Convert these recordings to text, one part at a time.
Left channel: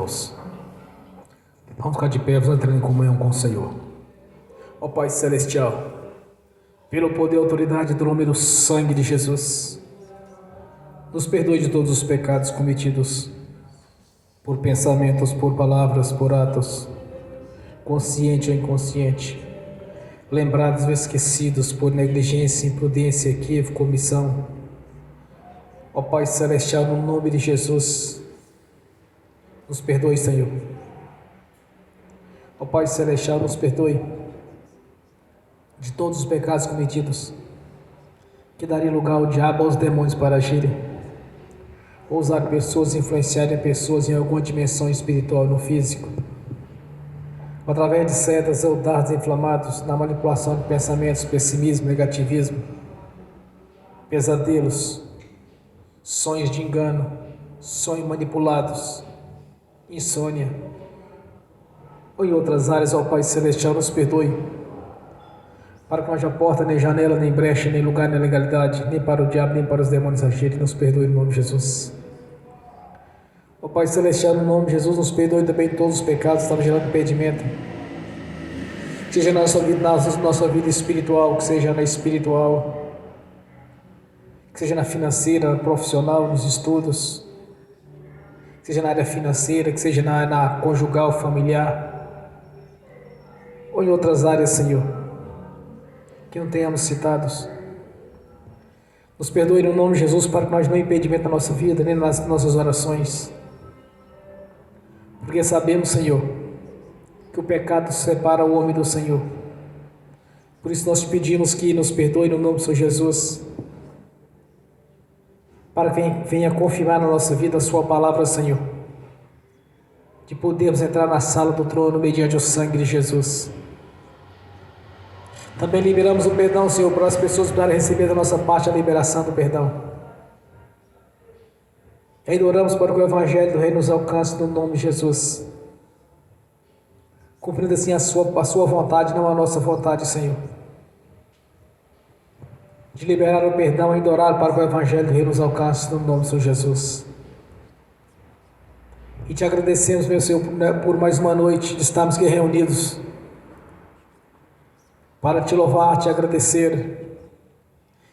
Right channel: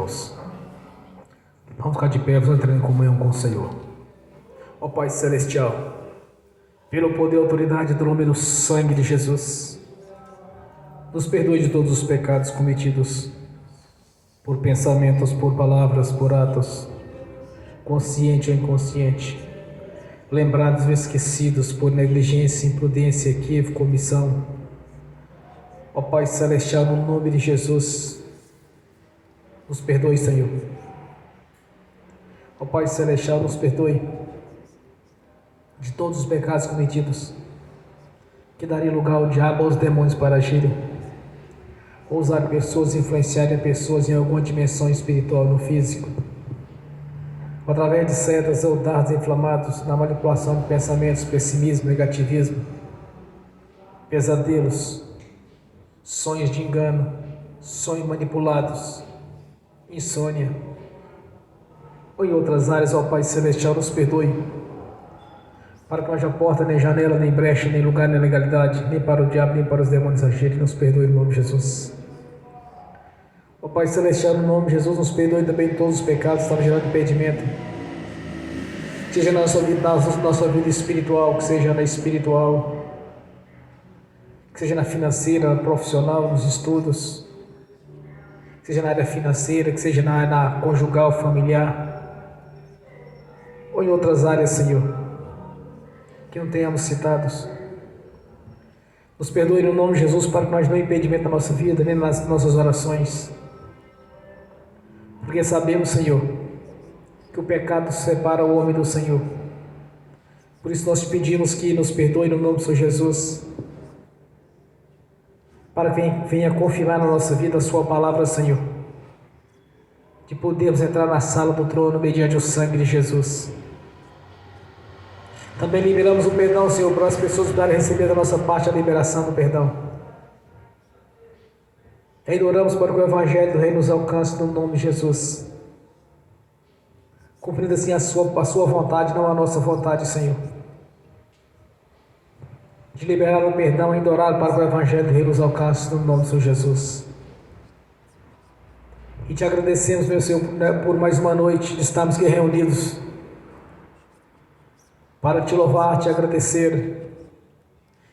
irmãos. Vamos ficar de pé, vamos entrar em comunhão com o Senhor. Ó Pai Celestial, pelo poder e autoridade do nome do sangue de Jesus, nos perdoe de todos os pecados cometidos por pensamentos, por palavras, por atos, consciente ou inconsciente, lembrados ou esquecidos por negligência, imprudência, equívoco, omissão. Ó Pai Celestial, no nome de Jesus, nos perdoe, Senhor. Ó Pai Celestial, nos perdoe de todos os pecados cometidos, que daria lugar ao diabo, aos demônios para agirem, ou usar pessoas, influenciarem pessoas em alguma dimensão espiritual no físico, através de setas ou dardos inflamados, na manipulação de pensamentos, pessimismo, negativismo, pesadelos, sonhos de engano, sonhos manipulados, insônia, ou em outras áreas. Ó Pai Celestial, nos perdoe, para que não haja porta, nem janela, nem brecha, nem lugar, nem legalidade, nem para o diabo, nem para os demônios agirem. Nos perdoe em nome de Jesus. Ó Pai Celestial, no nome de Jesus, nos perdoe também todos os pecados que estavam gerando impedimento, seja na nossa vida espiritual, que seja na espiritual, que seja na financeira, na profissional, nos estudos, que seja na área financeira, que seja na conjugal, familiar, ou em outras áreas, Senhor, que não tenhamos citados. Nos perdoe no nome de Jesus, para que nós não impedimento na nossa vida, nem nas nossas orações, porque sabemos, Senhor, que o pecado separa o homem do Senhor. Por isso nós te pedimos que nos perdoe no nome do Senhor Jesus, para que venha confirmar na nossa vida a sua palavra, Senhor, de podermos entrar na sala do trono mediante o sangue de Jesus. Também liberamos o perdão, Senhor, para as pessoas poderem receber da nossa parte a liberação do perdão. E ainda oramos para que o Evangelho do Rei nos alcance no nome de Jesus, cumprindo assim a sua vontade, não a nossa vontade, Senhor, de liberar o perdão e ainda orar para que o Evangelho do Rei nos alcance no nome do Senhor Jesus. E te agradecemos, meu Senhor, por mais uma noite de estarmos aqui reunidos para te louvar, te agradecer,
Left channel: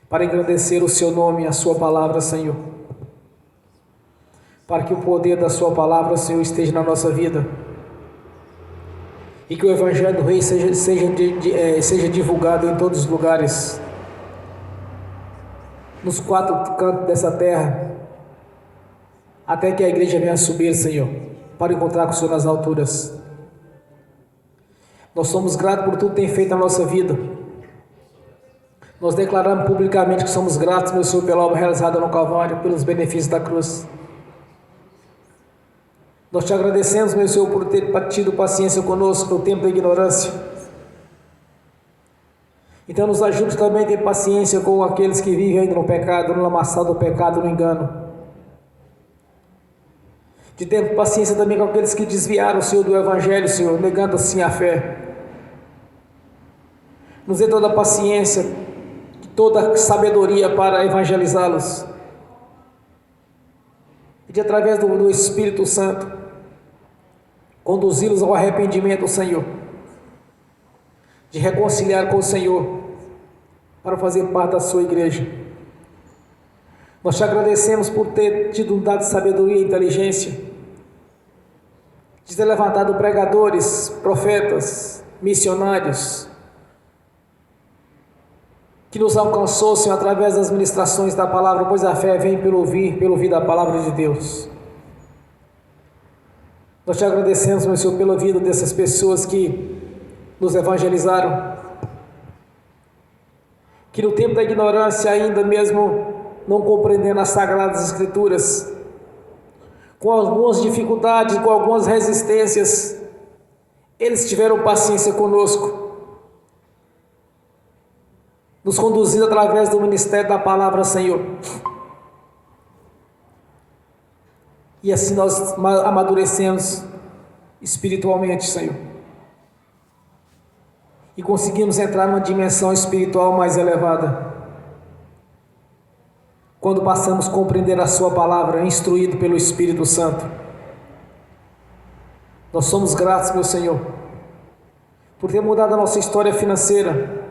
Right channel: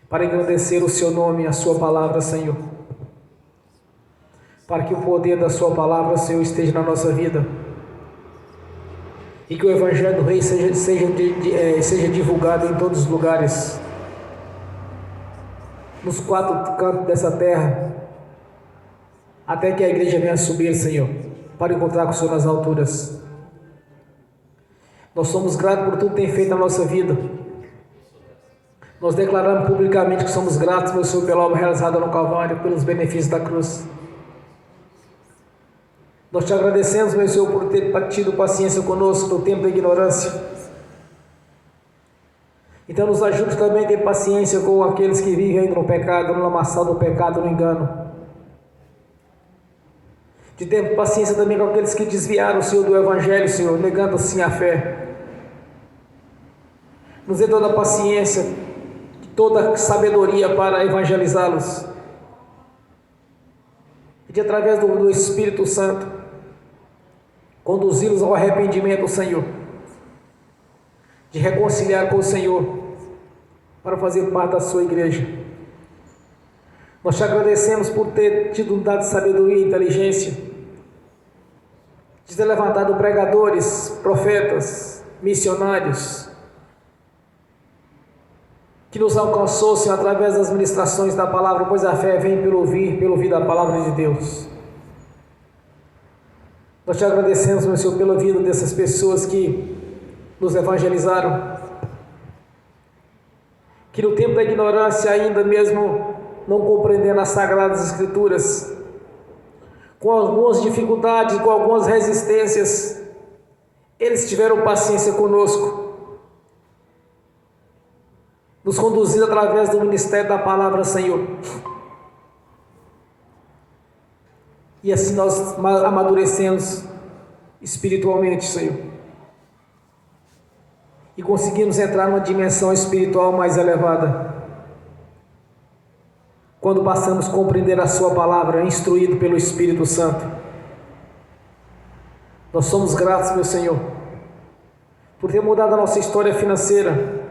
para engrandecer o seu nome e a sua palavra, Senhor, para que o poder da sua palavra, Senhor, esteja na nossa vida e que o Evangelho do Rei seja divulgado em todos os lugares, nos quatro cantos dessa terra, até que a igreja venha subir, Senhor, para encontrar com o Senhor nas alturas. Nós somos gratos por tudo que tem feito na nossa vida. Nós declaramos publicamente que somos gratos, meu Senhor, pela obra realizada no Calvário, pelos benefícios da cruz. Nós te agradecemos, meu Senhor, por ter tido paciência conosco no tempo da ignorância. Então nos ajude também a ter paciência com aqueles que vivem ainda no pecado, no lamaçal do pecado, no engano. De ter paciência também com aqueles que desviaram, Senhor, do Evangelho, Senhor, negando assim a fé. Nos dê toda a paciência, toda a sabedoria para evangelizá-los. E de através do Espírito Santo, conduzi-los ao arrependimento, Senhor, de reconciliar com o Senhor, para fazer parte da sua igreja. Nós te agradecemos por ter tido dado sabedoria e inteligência, de ter levantado pregadores, profetas, missionários, que nos alcançou, Senhor, através das ministrações da palavra, pois a fé vem pelo ouvir da palavra de Deus. Nós te agradecemos, meu Senhor, pela vida dessas pessoas que nos evangelizaram, que no tempo da ignorância, ainda mesmo não compreendendo as Sagradas Escrituras, com algumas dificuldades, com algumas resistências, eles tiveram paciência conosco, nos conduzindo através do ministério da palavra, Senhor. E assim nós amadurecemos espiritualmente, Senhor, e conseguimos entrar numa dimensão espiritual mais elevada, quando passamos a compreender a sua palavra, instruído pelo Espírito Santo. Nós somos gratos, meu Senhor, por ter mudado a nossa história financeira,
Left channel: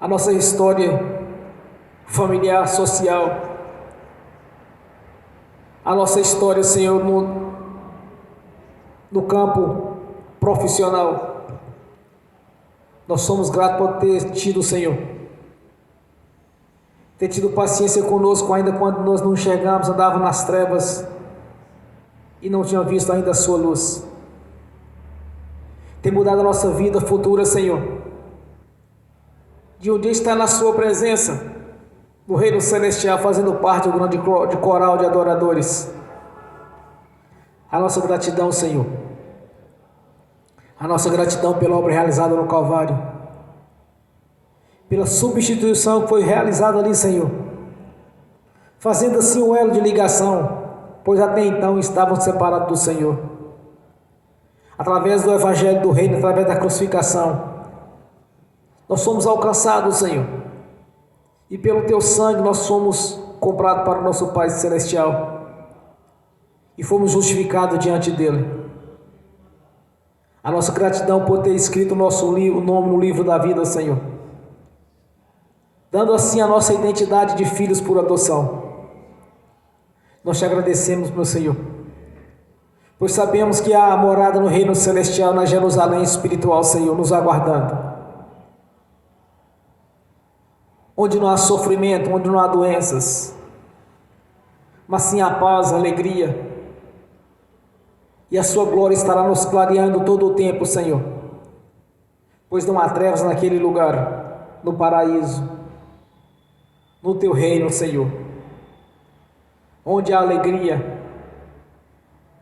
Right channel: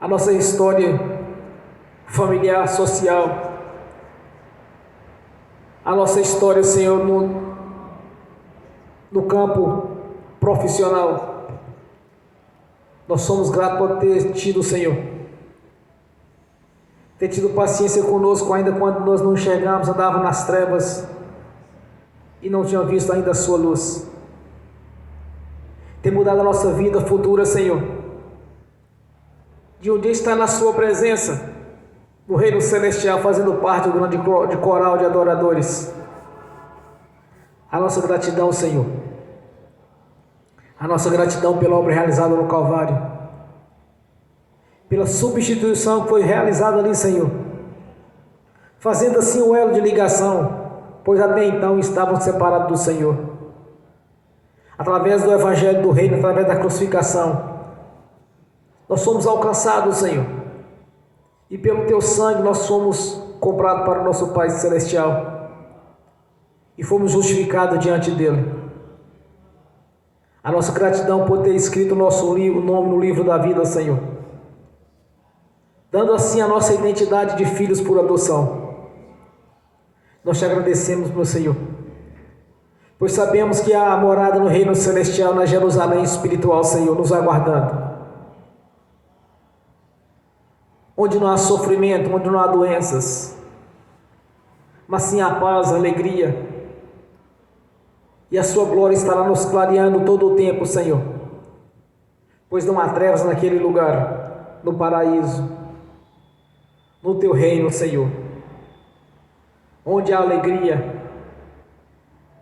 a nossa história familiar, social, a nossa história, Senhor, no campo profissional. Nós somos gratos por ter tido, Senhor, ter tido paciência conosco, ainda quando nós não enxergamos, andávamos nas trevas e não tínhamos visto ainda a sua luz. Ter mudado a nossa vida futura, Senhor, de um dia estar na sua presença, no reino celestial, fazendo parte do grande coral de adoradores. A nossa gratidão, Senhor, a nossa gratidão pela obra realizada no Calvário, pela substituição que foi realizada ali, Senhor, fazendo assim um elo de ligação, pois até então estavam separados do Senhor. Através do Evangelho do Reino, através da crucificação, nós somos alcançados, Senhor, e pelo Teu sangue nós somos comprados para o nosso Pai Celestial e fomos justificados diante dEle. A nossa gratidão por ter escrito o nome no livro da vida, Senhor, dando assim a nossa identidade de filhos por adoção. Nós te agradecemos, meu Senhor, pois sabemos que há a morada no reino celestial, na Jerusalém espiritual, Senhor, nos aguardando, onde não há sofrimento, onde não há doenças, mas sim a paz, a alegria, e a sua glória estará nos clareando todo o tempo, Senhor, pois não há trevas naquele lugar, no paraíso, no Teu reino, Senhor, onde há alegria,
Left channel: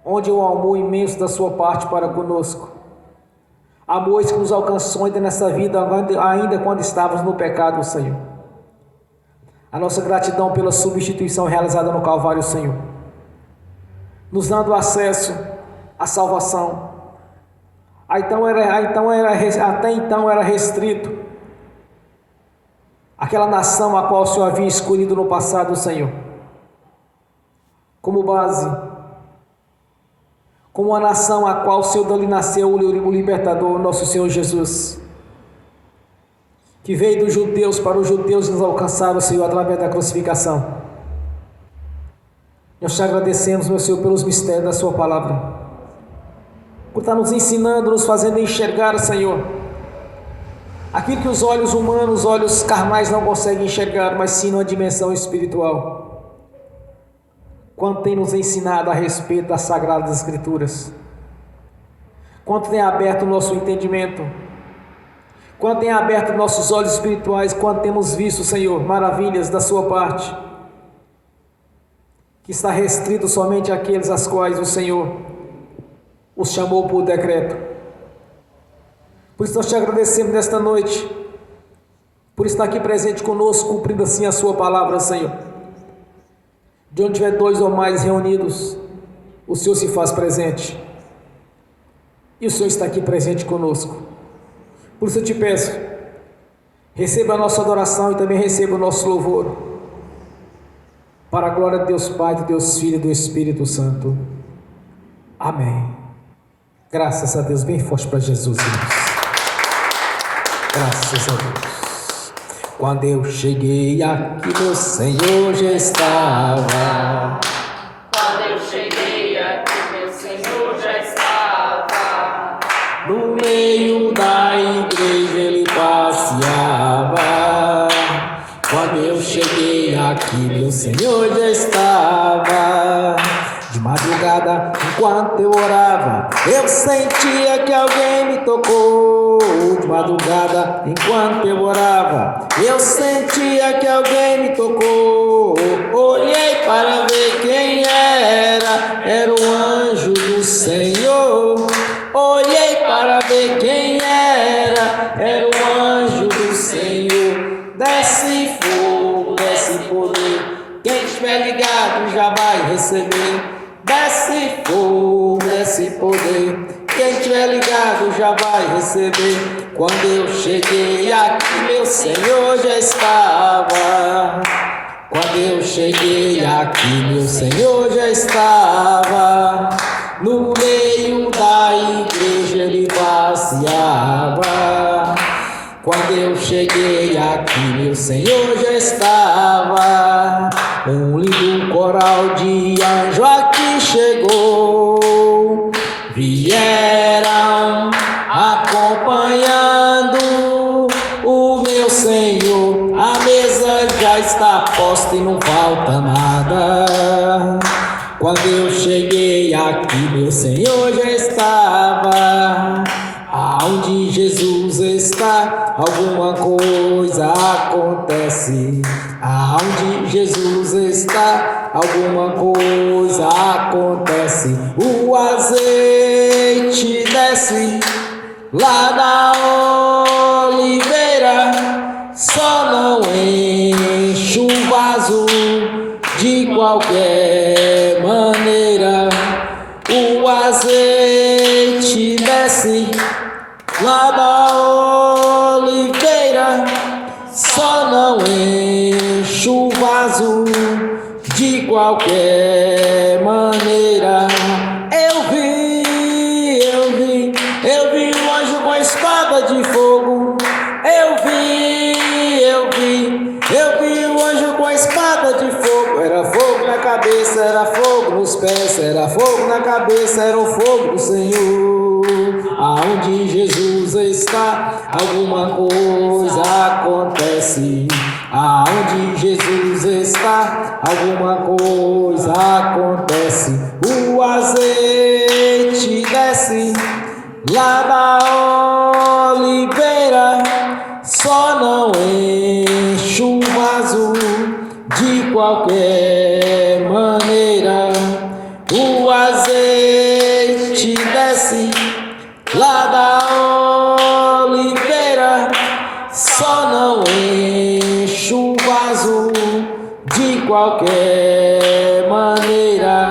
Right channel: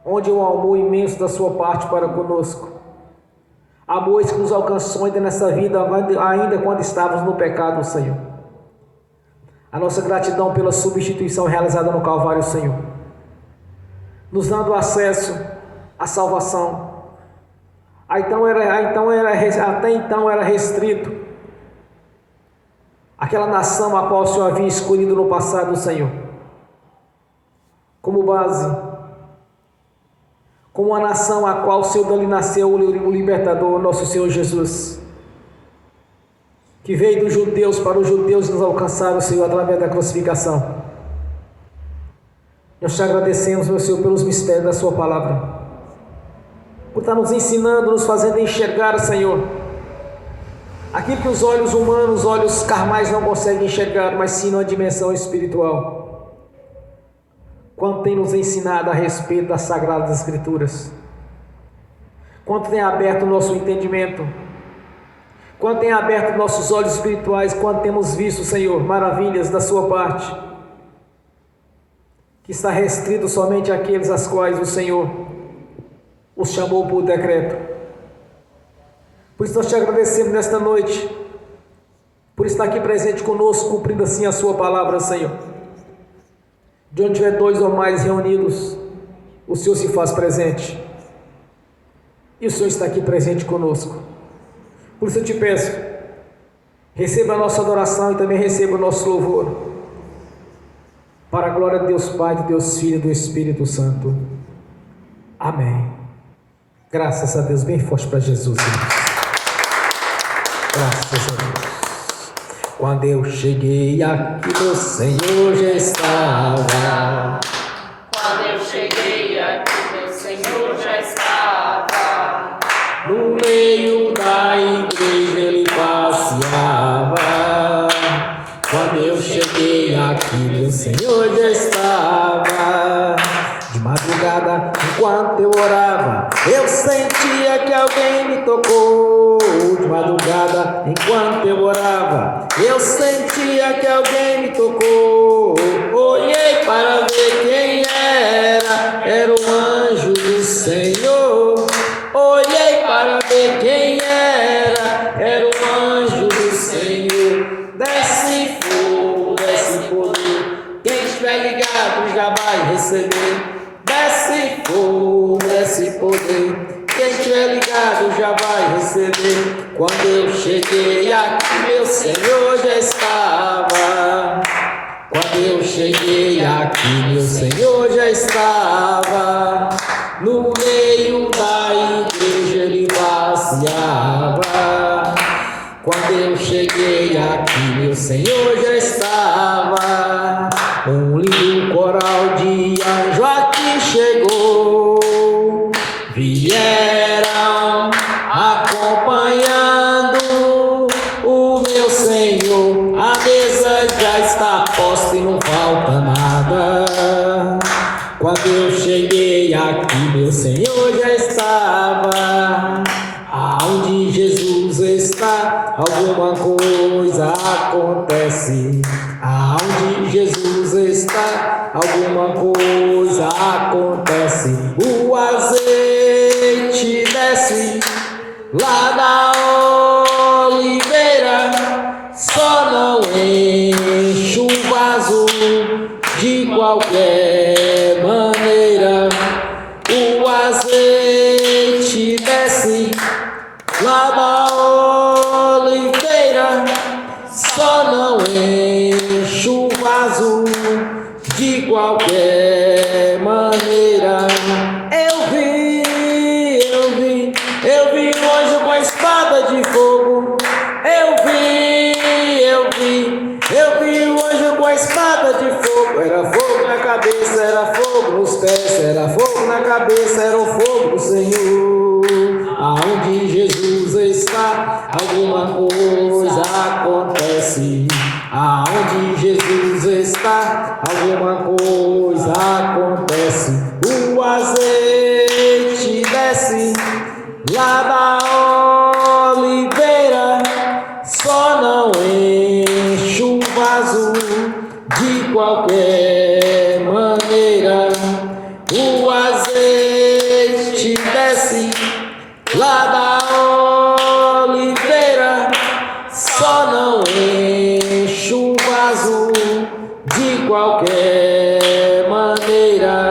onde há um amor imenso da sua parte para conosco, amor que nos alcançou ainda nessa vida, ainda quando estávamos no pecado, Senhor. A nossa gratidão pela substituição realizada no Calvário, Senhor, nos dando acesso à salvação. Até então era restrito aquela nação a qual o Senhor havia escolhido no passado, Senhor, como base, como a nação a qual o Senhor dali nasceu o libertador, nosso Senhor Jesus, que veio dos judeus para os judeus nos alcançar, o Senhor, através da crucificação. Nós te agradecemos, meu Senhor, pelos mistérios da sua palavra, por estar nos ensinando, nos fazendo enxergar, Senhor, aquilo que os olhos humanos, os olhos carnais não conseguem enxergar, mas sim numa dimensão espiritual. Quanto tem nos ensinado a respeito das Sagradas Escrituras, quanto tem aberto o nosso entendimento, quanto tem aberto nossos olhos espirituais, quanto temos visto, Senhor, maravilhas da sua parte, que está restrito somente àqueles às quais o Senhor os chamou por decreto. Por isso nós te agradecemos nesta noite, por estar aqui presente conosco, cumprindo assim a sua palavra, Senhor. De onde tiver dois ou mais reunidos, o Senhor se faz presente, e o Senhor está aqui presente conosco. Por isso eu te peço, receba a nossa adoração e também receba o nosso louvor, para a glória de Deus Pai, de Deus Filho e do Espírito Santo. Amém. Graças a Deus, bem forte para Jesus, irmãos. Graças a Deus. Quando eu cheguei aqui, meu Senhor já estava. Quando eu cheguei aqui, meu Senhor já estava. No meio da igreja ele passeava. Quando eu cheguei aqui, meu Senhor já estava. De madrugada, enquanto eu orava, eu sentia que alguém me tocou. De madrugada, enquanto eu orava, eu sentia que alguém me tocou. Olhei para ver quem era o anjo do Senhor. Olhei para ver quem era o anjo do Senhor. Desce fogo, desce poder, quem estiver ligado já vai receber. Desce fogo, desce poder, quem estiver ligado já vai receber. Quando eu cheguei aqui, meu Senhor já estava. Quando eu cheguei aqui, meu Senhor já estava. No meio meio da igreja ele passeava. Quando eu cheguei aqui, meu Senhor já estava. Um lindo coral de anjo aqui chegou. Vieram acompanhando o meu Senhor. A mesa já está posta e não falta nada. Quando eu cheguei aqui, meu Senhor já estava. Aonde Jesus está, alguma coisa acontece. Aonde Jesus está, alguma coisa acontece. O azeite desce lá da oliveira, só não enche o vaso de qualquer maneira. O azeite desce lá da oliveira, só não enche o vaso de qualquer maneira. Eu vi um anjo com a espada de fogo. Eu vi um anjo com a espada de fogo. Era fogo na cabeça, era fogo nos pés, era fogo na cabeça, era o fogo do Senhor. Aonde Jesus está, alguma coisa acontece. Aonde Jesus está, alguma coisa acontece. O azeite desce lá da oliveira, só não enche o vaso de qualquer maneira. O azeite desce lá da oliveira, só não enche o vaso de qualquer maneira.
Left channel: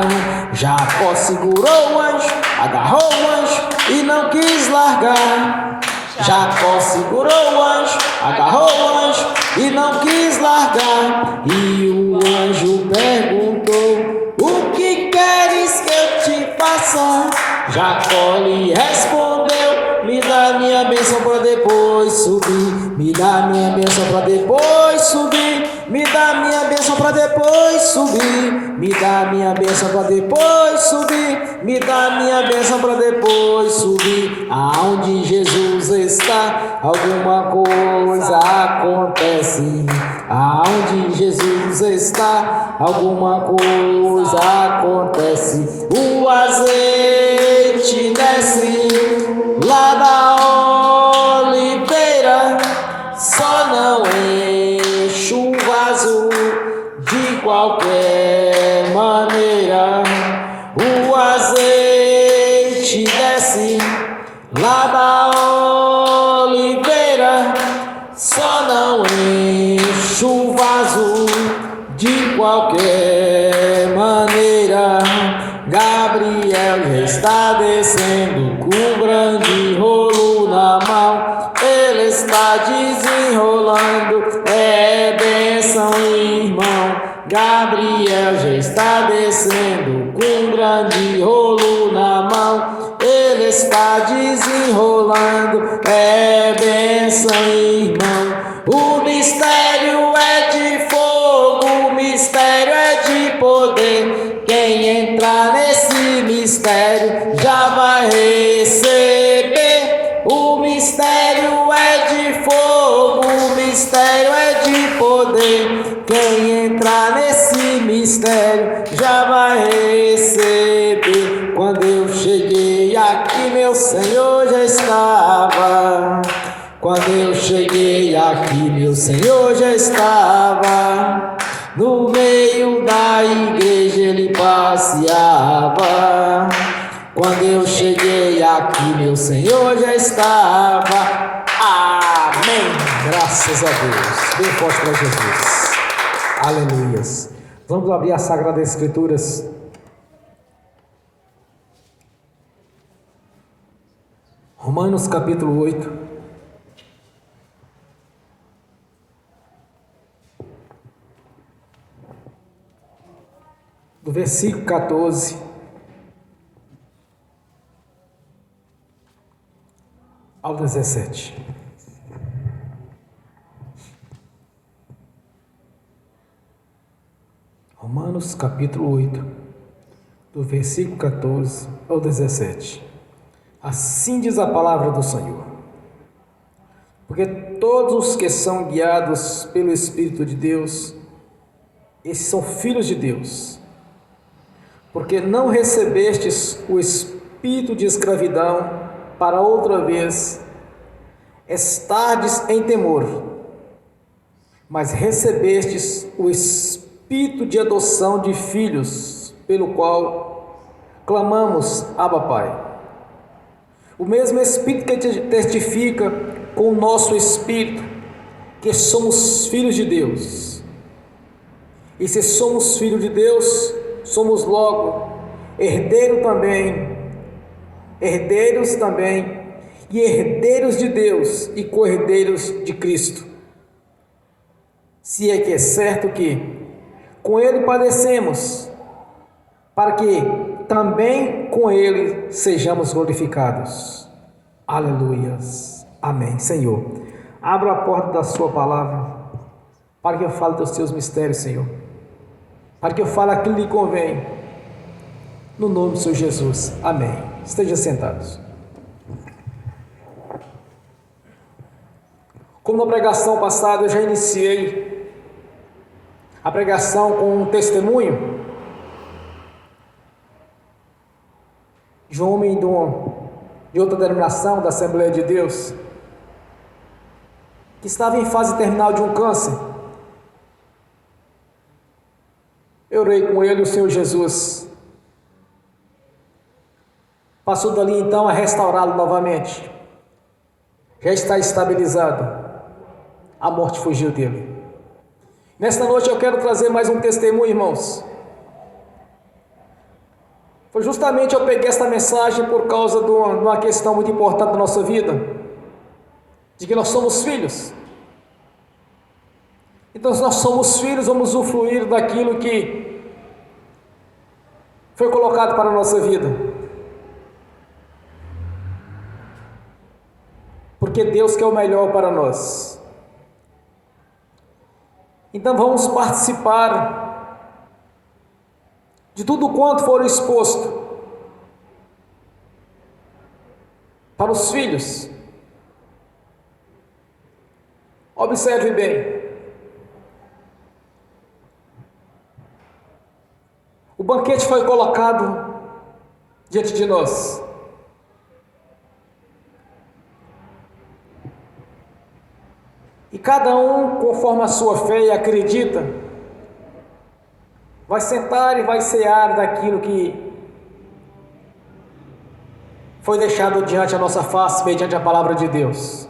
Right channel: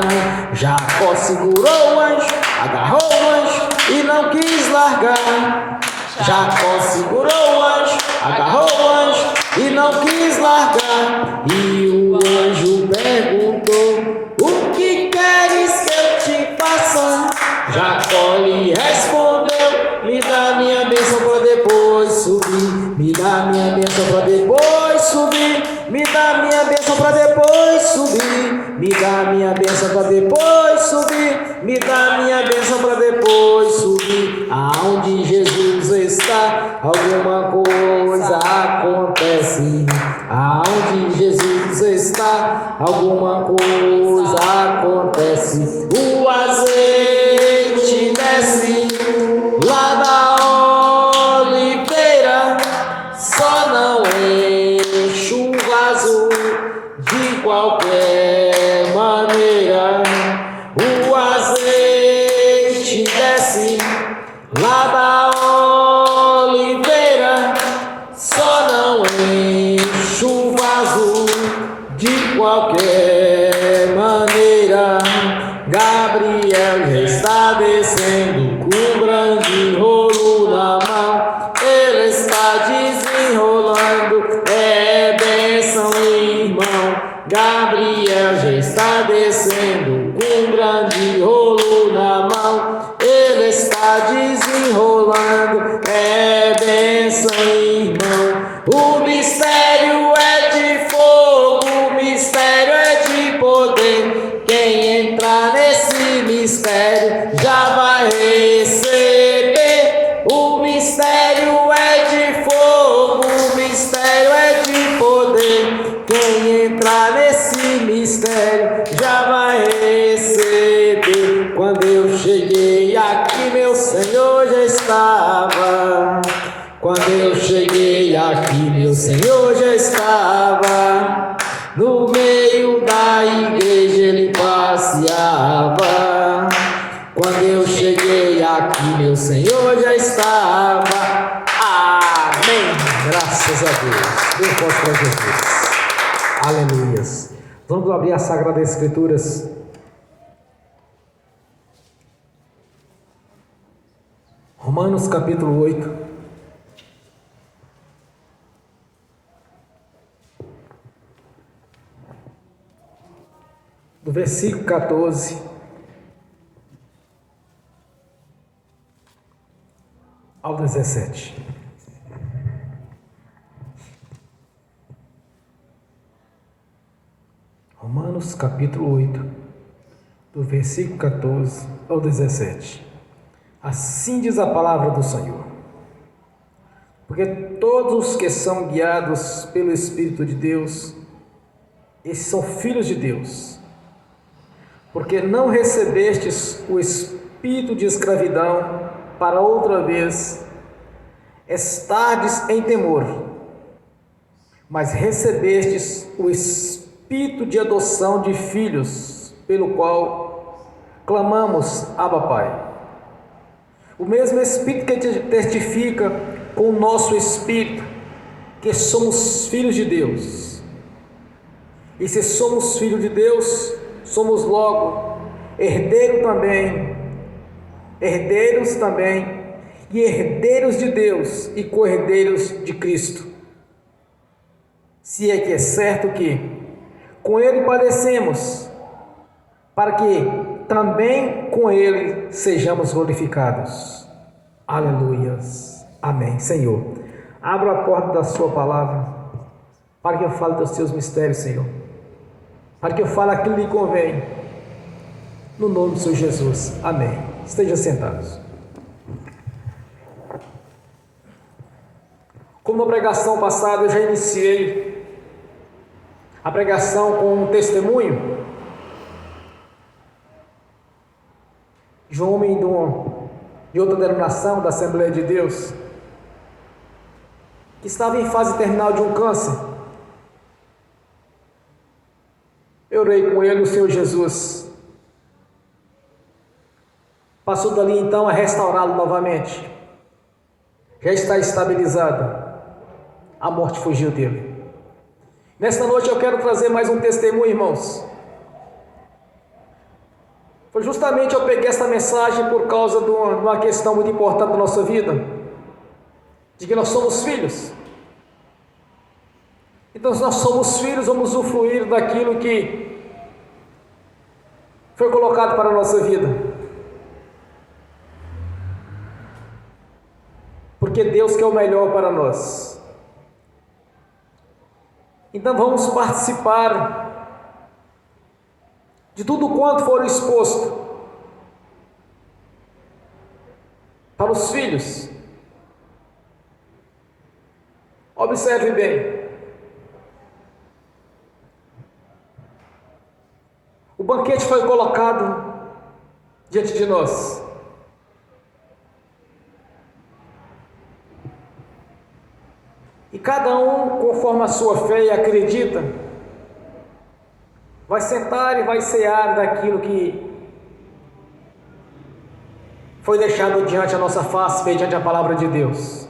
Jacó segurou o anjo, agarrou o anjo e não quis largar. Jacó segurou o anjo, agarrou o anjo e não quis largar. E o anjo perguntou: o que queres que eu te faça? Jacó lhe respondeu: me dá minha bênção para depois subir. Me dá minha bênção para depois subir. Me dá minha bênção para depois subir. Me dá minha bênção para depois subir. Me dá minha bênção para depois subir. Aonde Jesus está, alguma coisa acontece. Aonde Jesus está, alguma coisa acontece. O azeite desce lá da oliveira, só não enche o vaso de qualquer maneira. O azeite desce lá da oliveira, só não enche o vaso de qualquer maneira. Gabriel já está descendo com um grande rolo na mão. Ele está desenrolando, é bênção, irmão. Gabriel já está descendo com um grande rolo na mão. Ele está desenrolando, é bênção, irmão. O mistério é de fogo, o mistério é de poder. Quem entrar nesse mistério já vai receber. O mistério é de fogo, o mistério é de poder. Quem entrar nesse mistério já vai receber. Quando eu cheguei aqui, meu Senhor já estava. Quando eu cheguei aqui, meu Senhor já estava. No meio da igreja ele passeava. Quando eu cheguei aqui, meu Senhor já estava. Amém. Graças a Deus. Dê forte para Jesus. Aleluias. Vamos abrir a Sagradas Escrituras. Romanos capítulo 8. Do versículo 14 ao 17. Romanos capítulo 8, do versículo 14 ao 17. Assim diz a palavra do Senhor: porque todos os que são guiados pelo Espírito de Deus, esses são filhos de Deus. Porque não recebestes o espírito de escravidão para outra vez estardes em temor, mas recebestes o espírito de adoção de filhos, pelo qual clamamos: Abba, Pai. O mesmo Espírito que testifica com o nosso espírito que somos filhos de Deus. E se somos filhos de Deus, somos logo herdeiros também, e herdeiros de Deus e co-herdeiros de Cristo. Se é que é certo que com Ele padecemos, para que também com Ele sejamos glorificados. Aleluias. Amém. Senhor, abra a porta da sua palavra, para que eu fale dos teus mistérios, Senhor, para que eu fale aquilo que lhe convém, no nome do Senhor Jesus. Amém. Estejam sentados. Como na pregação passada eu já iniciei a pregação com um testemunho de um homem de outra denominação da Assembleia de Deus, que estava em fase terminal de um câncer. Eu orei com ele, o Senhor Jesus passou dali então a restaurá-lo novamente. Já está estabilizado. A morte fugiu dele. Nesta noite eu quero trazer mais um testemunho, irmãos. Foi justamente eu peguei esta mensagem por causa de uma questão muito importante da nossa vida, de que nós somos filhos. Então, se nós somos filhos, vamos usufruir daquilo que foi colocado para a nossa vida. Porque Deus quer o melhor para nós. Então vamos participar de tudo quanto for exposto para os filhos. Observe bem. O banquete foi colocado diante de nós. E cada um, conforme a sua fé e acredita, vai sentar e vai cear daquilo que foi deixado diante a nossa face, mediante a palavra de Deus.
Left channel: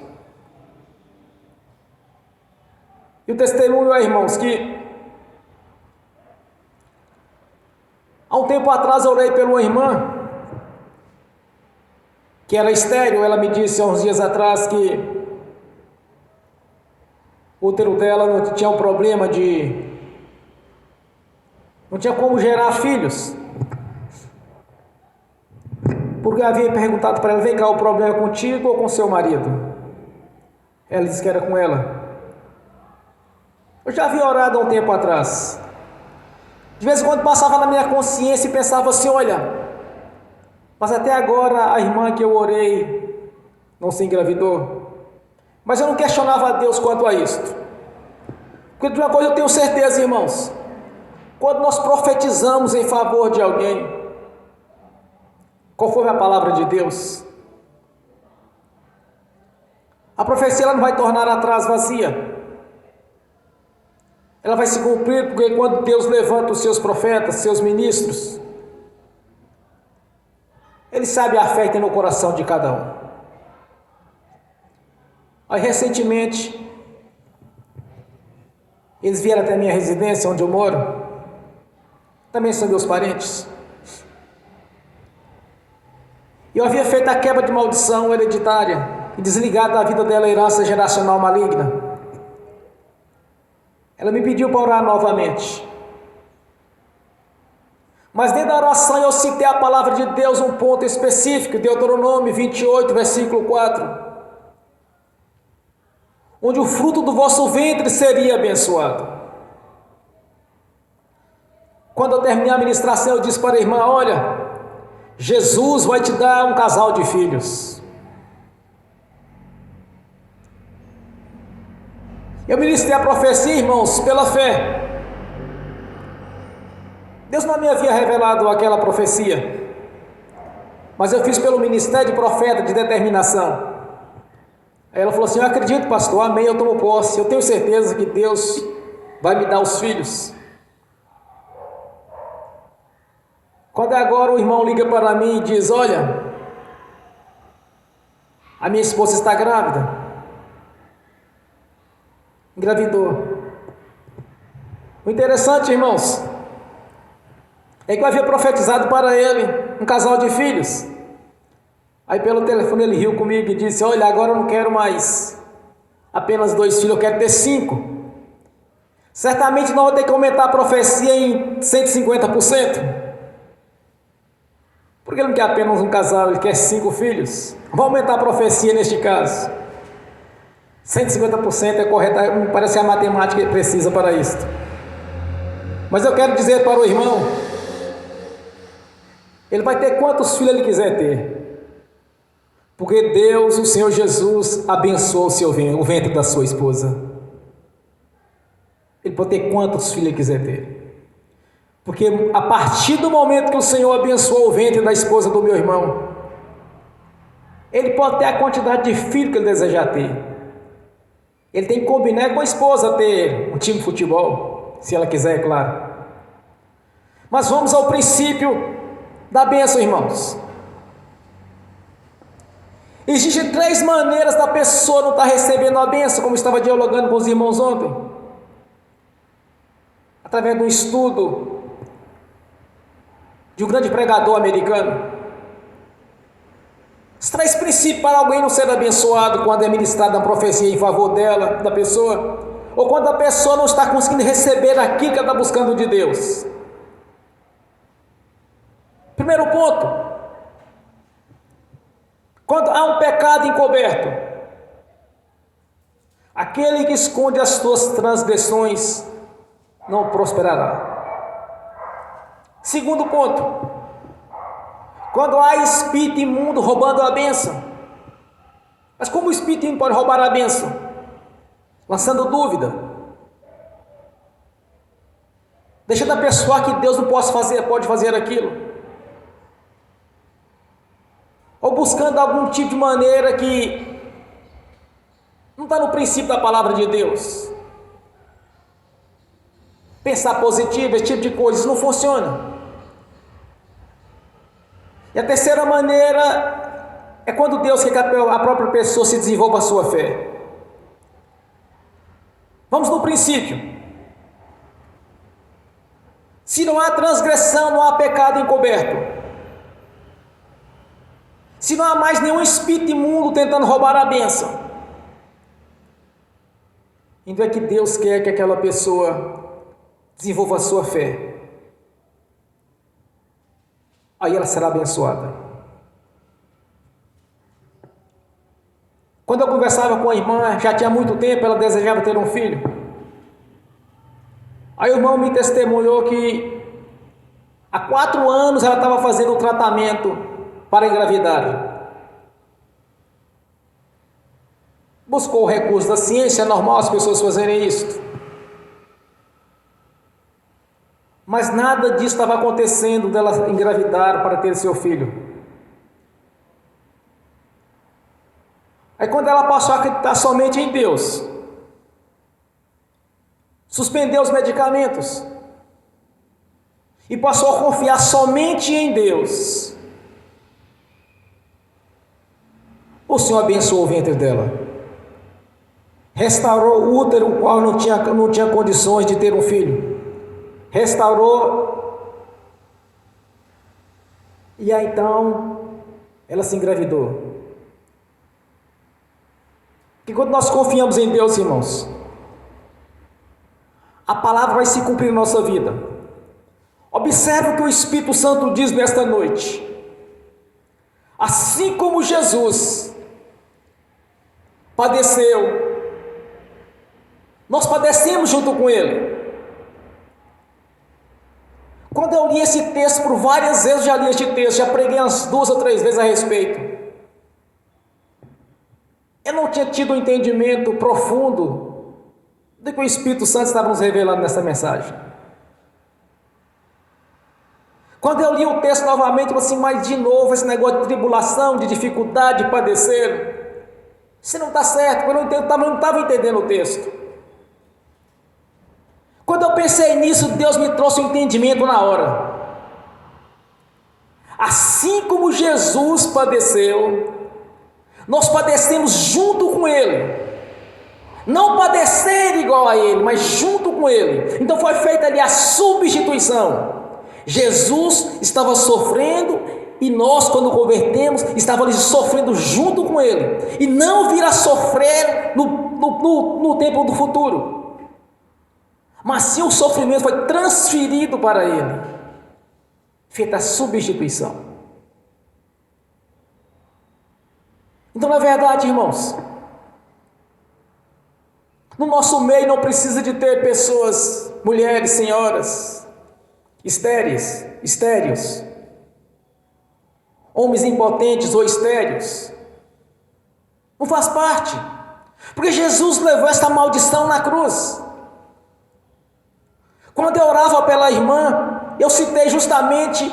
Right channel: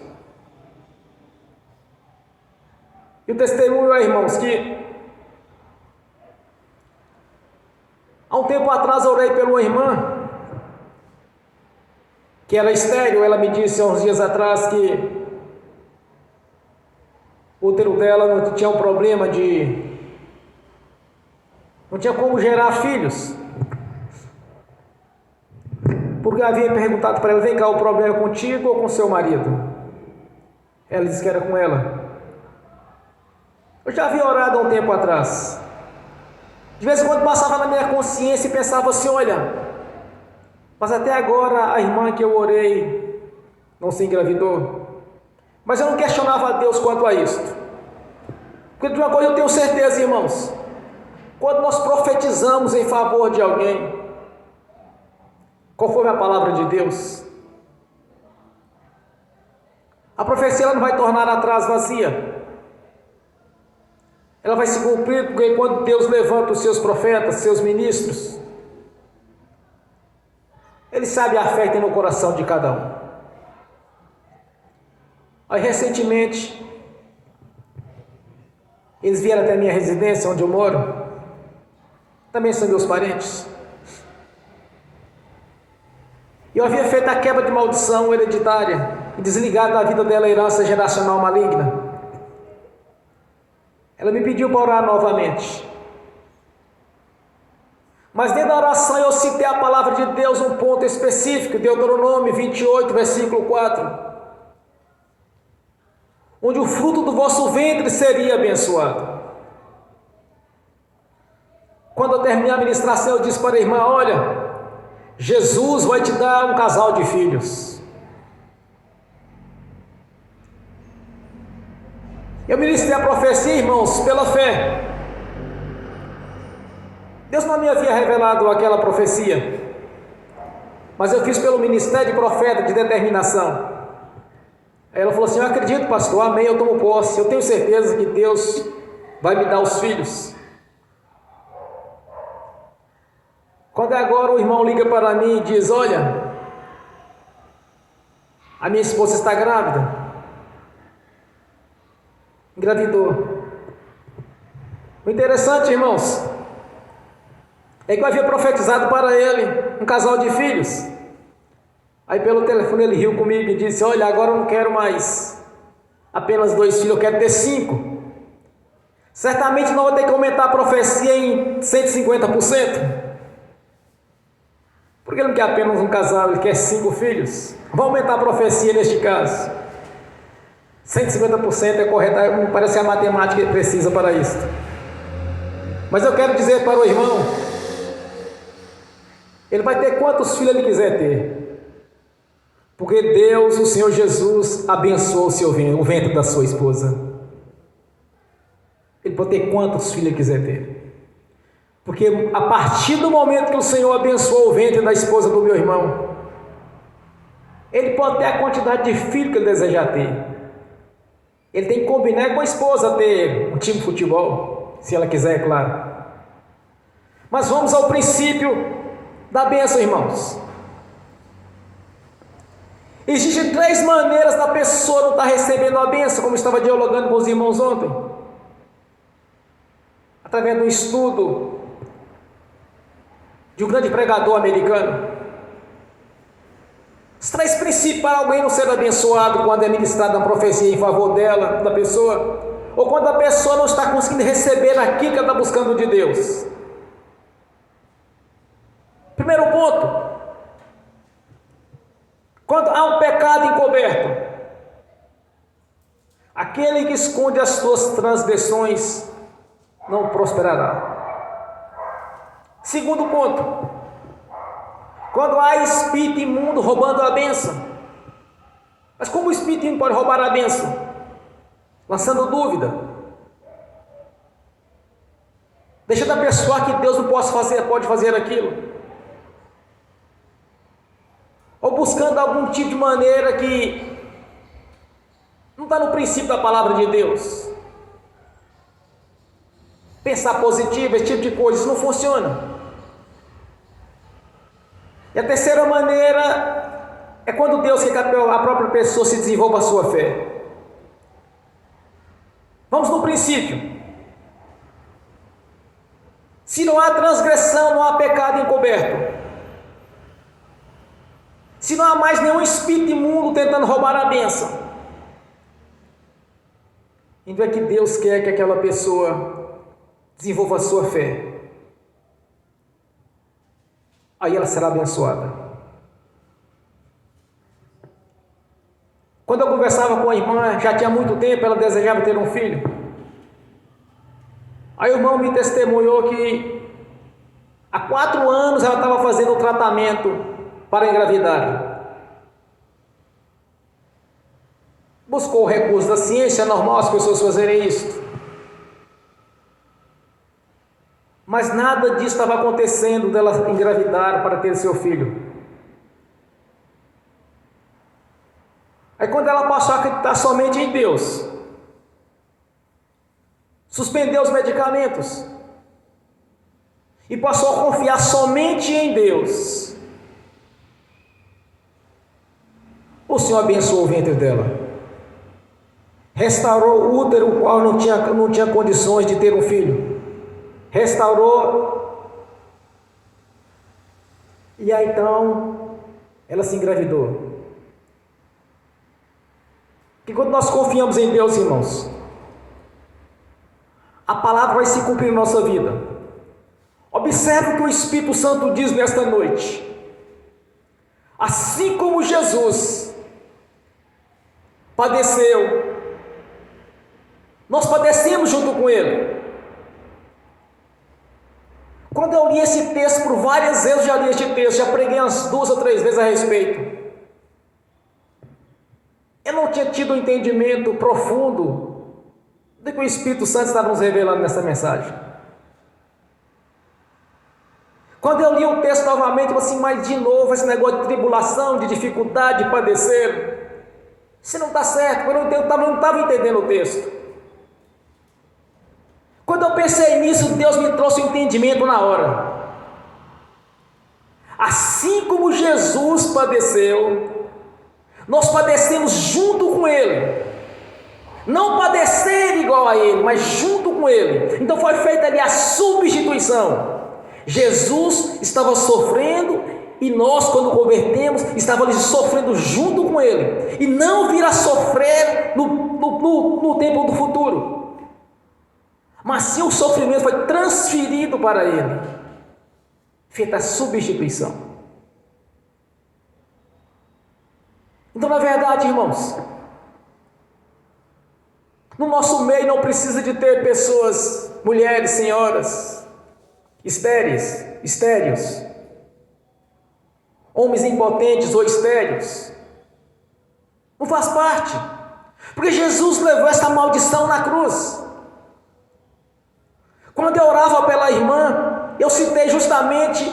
E o testemunho é, irmãos, que há um tempo atrás eu orei por uma irmã que era estéril. Ela me disse há uns dias atrás que o útero dela não tinha um problema não tinha como gerar filhos. Porque eu havia perguntado para ela: vem cá, o problema é contigo ou com seu marido? Ela disse que era com ela. Eu já havia orado há um tempo atrás. De vez em quando passava na minha consciência e pensava assim: olha, mas até agora a irmã que eu orei não se engravidou. Mas eu não questionava a Deus quanto a isto. Porque de uma coisa eu tenho certeza, irmãos: quando nós profetizamos em favor de alguém, conforme a palavra de Deus, a profecia ela não vai tornar atrás vazia. Ela vai se cumprir, porque quando Deus levanta os seus profetas, seus ministros, Ele sabe a fé que tem no coração de cada um. Aí recentemente, eles vieram até a minha residência, onde eu moro. Também são meus parentes. E eu havia feito a quebra de maldição hereditária e desligado da vida dela a herança geracional maligna. Ela me pediu para orar novamente. Mas dentro da oração eu citei a palavra de Deus, um ponto específico, Deuteronômio 28, versículo 4. onde o fruto do vosso ventre seria abençoado. Quando eu terminei a ministração, eu disse para a irmã: olha, Jesus vai te dar um casal de filhos. Eu ministrei a profecia, irmãos, pela fé. Deus não me havia revelado aquela profecia, mas eu fiz pelo ministério de profeta de determinação. Aí ela falou assim: eu acredito, pastor, amém, eu tomo posse, eu tenho certeza que Deus vai me dar os filhos. Quando agora o irmão liga para mim e diz: olha, a minha esposa está grávida, engravidou. O interessante, irmãos, é que eu havia profetizado para ele um casal de filhos. Aí pelo telefone ele riu comigo e disse: olha, agora eu não quero mais apenas 2 filhos, eu quero ter 5. Certamente não vou ter que aumentar a profecia em 150%. Porque ele não quer apenas um casal, ele quer 5 filhos. Vamos aumentar a profecia neste caso. 150% é correto, parece que a matemática é precisa para isso. Mas eu quero dizer para o irmão, ele vai ter quantos filhos ele quiser ter. Porque Deus, o Senhor Jesus, abençoou o ventre da sua esposa. Ele pode ter quantos filhos ele quiser ter. Porque a partir do momento que o Senhor abençoou o ventre da esposa do meu irmão, ele pode ter a quantidade de filhos que ele desejar ter. Ele tem que combinar com a esposa ter um time de futebol, se ela quiser, é claro. Mas vamos ao princípio da bênção, irmãos. Existem 3 maneiras da pessoa não estar recebendo a bênção, como estava dialogando com os irmãos ontem. Através de um estudo de um grande pregador americano. Os 3 princípios para alguém não ser abençoado quando é ministrada uma profecia em favor dela, da pessoa, ou quando a pessoa não está conseguindo receber aquilo que ela está buscando de Deus. Primeiro ponto: quando há um pecado encoberto, aquele que esconde as suas transgressões não prosperará. Segundo ponto: quando há espírito imundo roubando a bênção. Mas como o espírito imundo pode roubar a bênção? Lançando dúvida, deixando a pessoa que Deus não pode fazer aquilo, ou buscando algum tipo de maneira que não está no princípio da palavra de Deus. Pensar positivo, esse tipo de coisa, isso não funciona. E a terceira maneira é quando Deus quer que a própria pessoa se desenvolva a sua fé. Vamos no princípio. Se não há transgressão, não há pecado encoberto. Se não há mais nenhum espírito imundo tentando roubar a bênção, então é que Deus quer que aquela pessoa desenvolva a sua fé. Aí ela será abençoada. Quando eu conversava com a irmã, já tinha muito tempo, ela desejava ter um filho. Aí o irmão me testemunhou que há 4 anos ela estava fazendo o tratamento para engravidar. Buscou o recurso da ciência, é normal as pessoas fazerem isso. Mas nada disso estava acontecendo dela engravidar para ter seu filho. Aí quando ela passou a acreditar somente em Deus, suspendeu os medicamentos e passou a confiar somente em Deus, o Senhor abençoou o ventre dela, restaurou o útero, o qual não tinha condições de ter um filho. Restaurou, e aí então ela se engravidou. Porque quando nós confiamos em Deus, irmãos, a palavra vai se cumprir em nossa vida. Observe o que o Espírito Santo diz nesta noite. Assim como Jesus padeceu Nós padecemos junto com Ele. Quando eu li esse texto por várias vezes, já li este texto, já preguei umas 2 ou 3 vezes a respeito. Eu não tinha tido um entendimento profundo do que o Espírito Santo estava nos revelando nessa mensagem. Quando eu li o texto novamente, eu falei assim, mas de novo esse negócio de tribulação, de dificuldade, de padecer, isso não está certo, eu não estava entendendo o texto. Quando eu pensei nisso, Deus me trouxe um entendimento na hora. Assim como Jesus padeceu, nós padecemos junto com Ele. Não padecer igual a Ele, mas junto com Ele. Então foi feita ali a substituição. Jesus estava sofrendo e nós, quando convertemos, estávamos sofrendo junto com Ele. E não vir a sofrer no tempo do futuro. Mas sim o sofrimento foi transferido para Ele. Feita a substituição. Então, na verdade, irmãos, no nosso meio não precisa de ter pessoas, mulheres, senhoras, estéreos, homens impotentes ou estéreos. Não faz parte, porque Jesus levou essa maldição na cruz. Quando eu orava pela irmã, eu citei justamente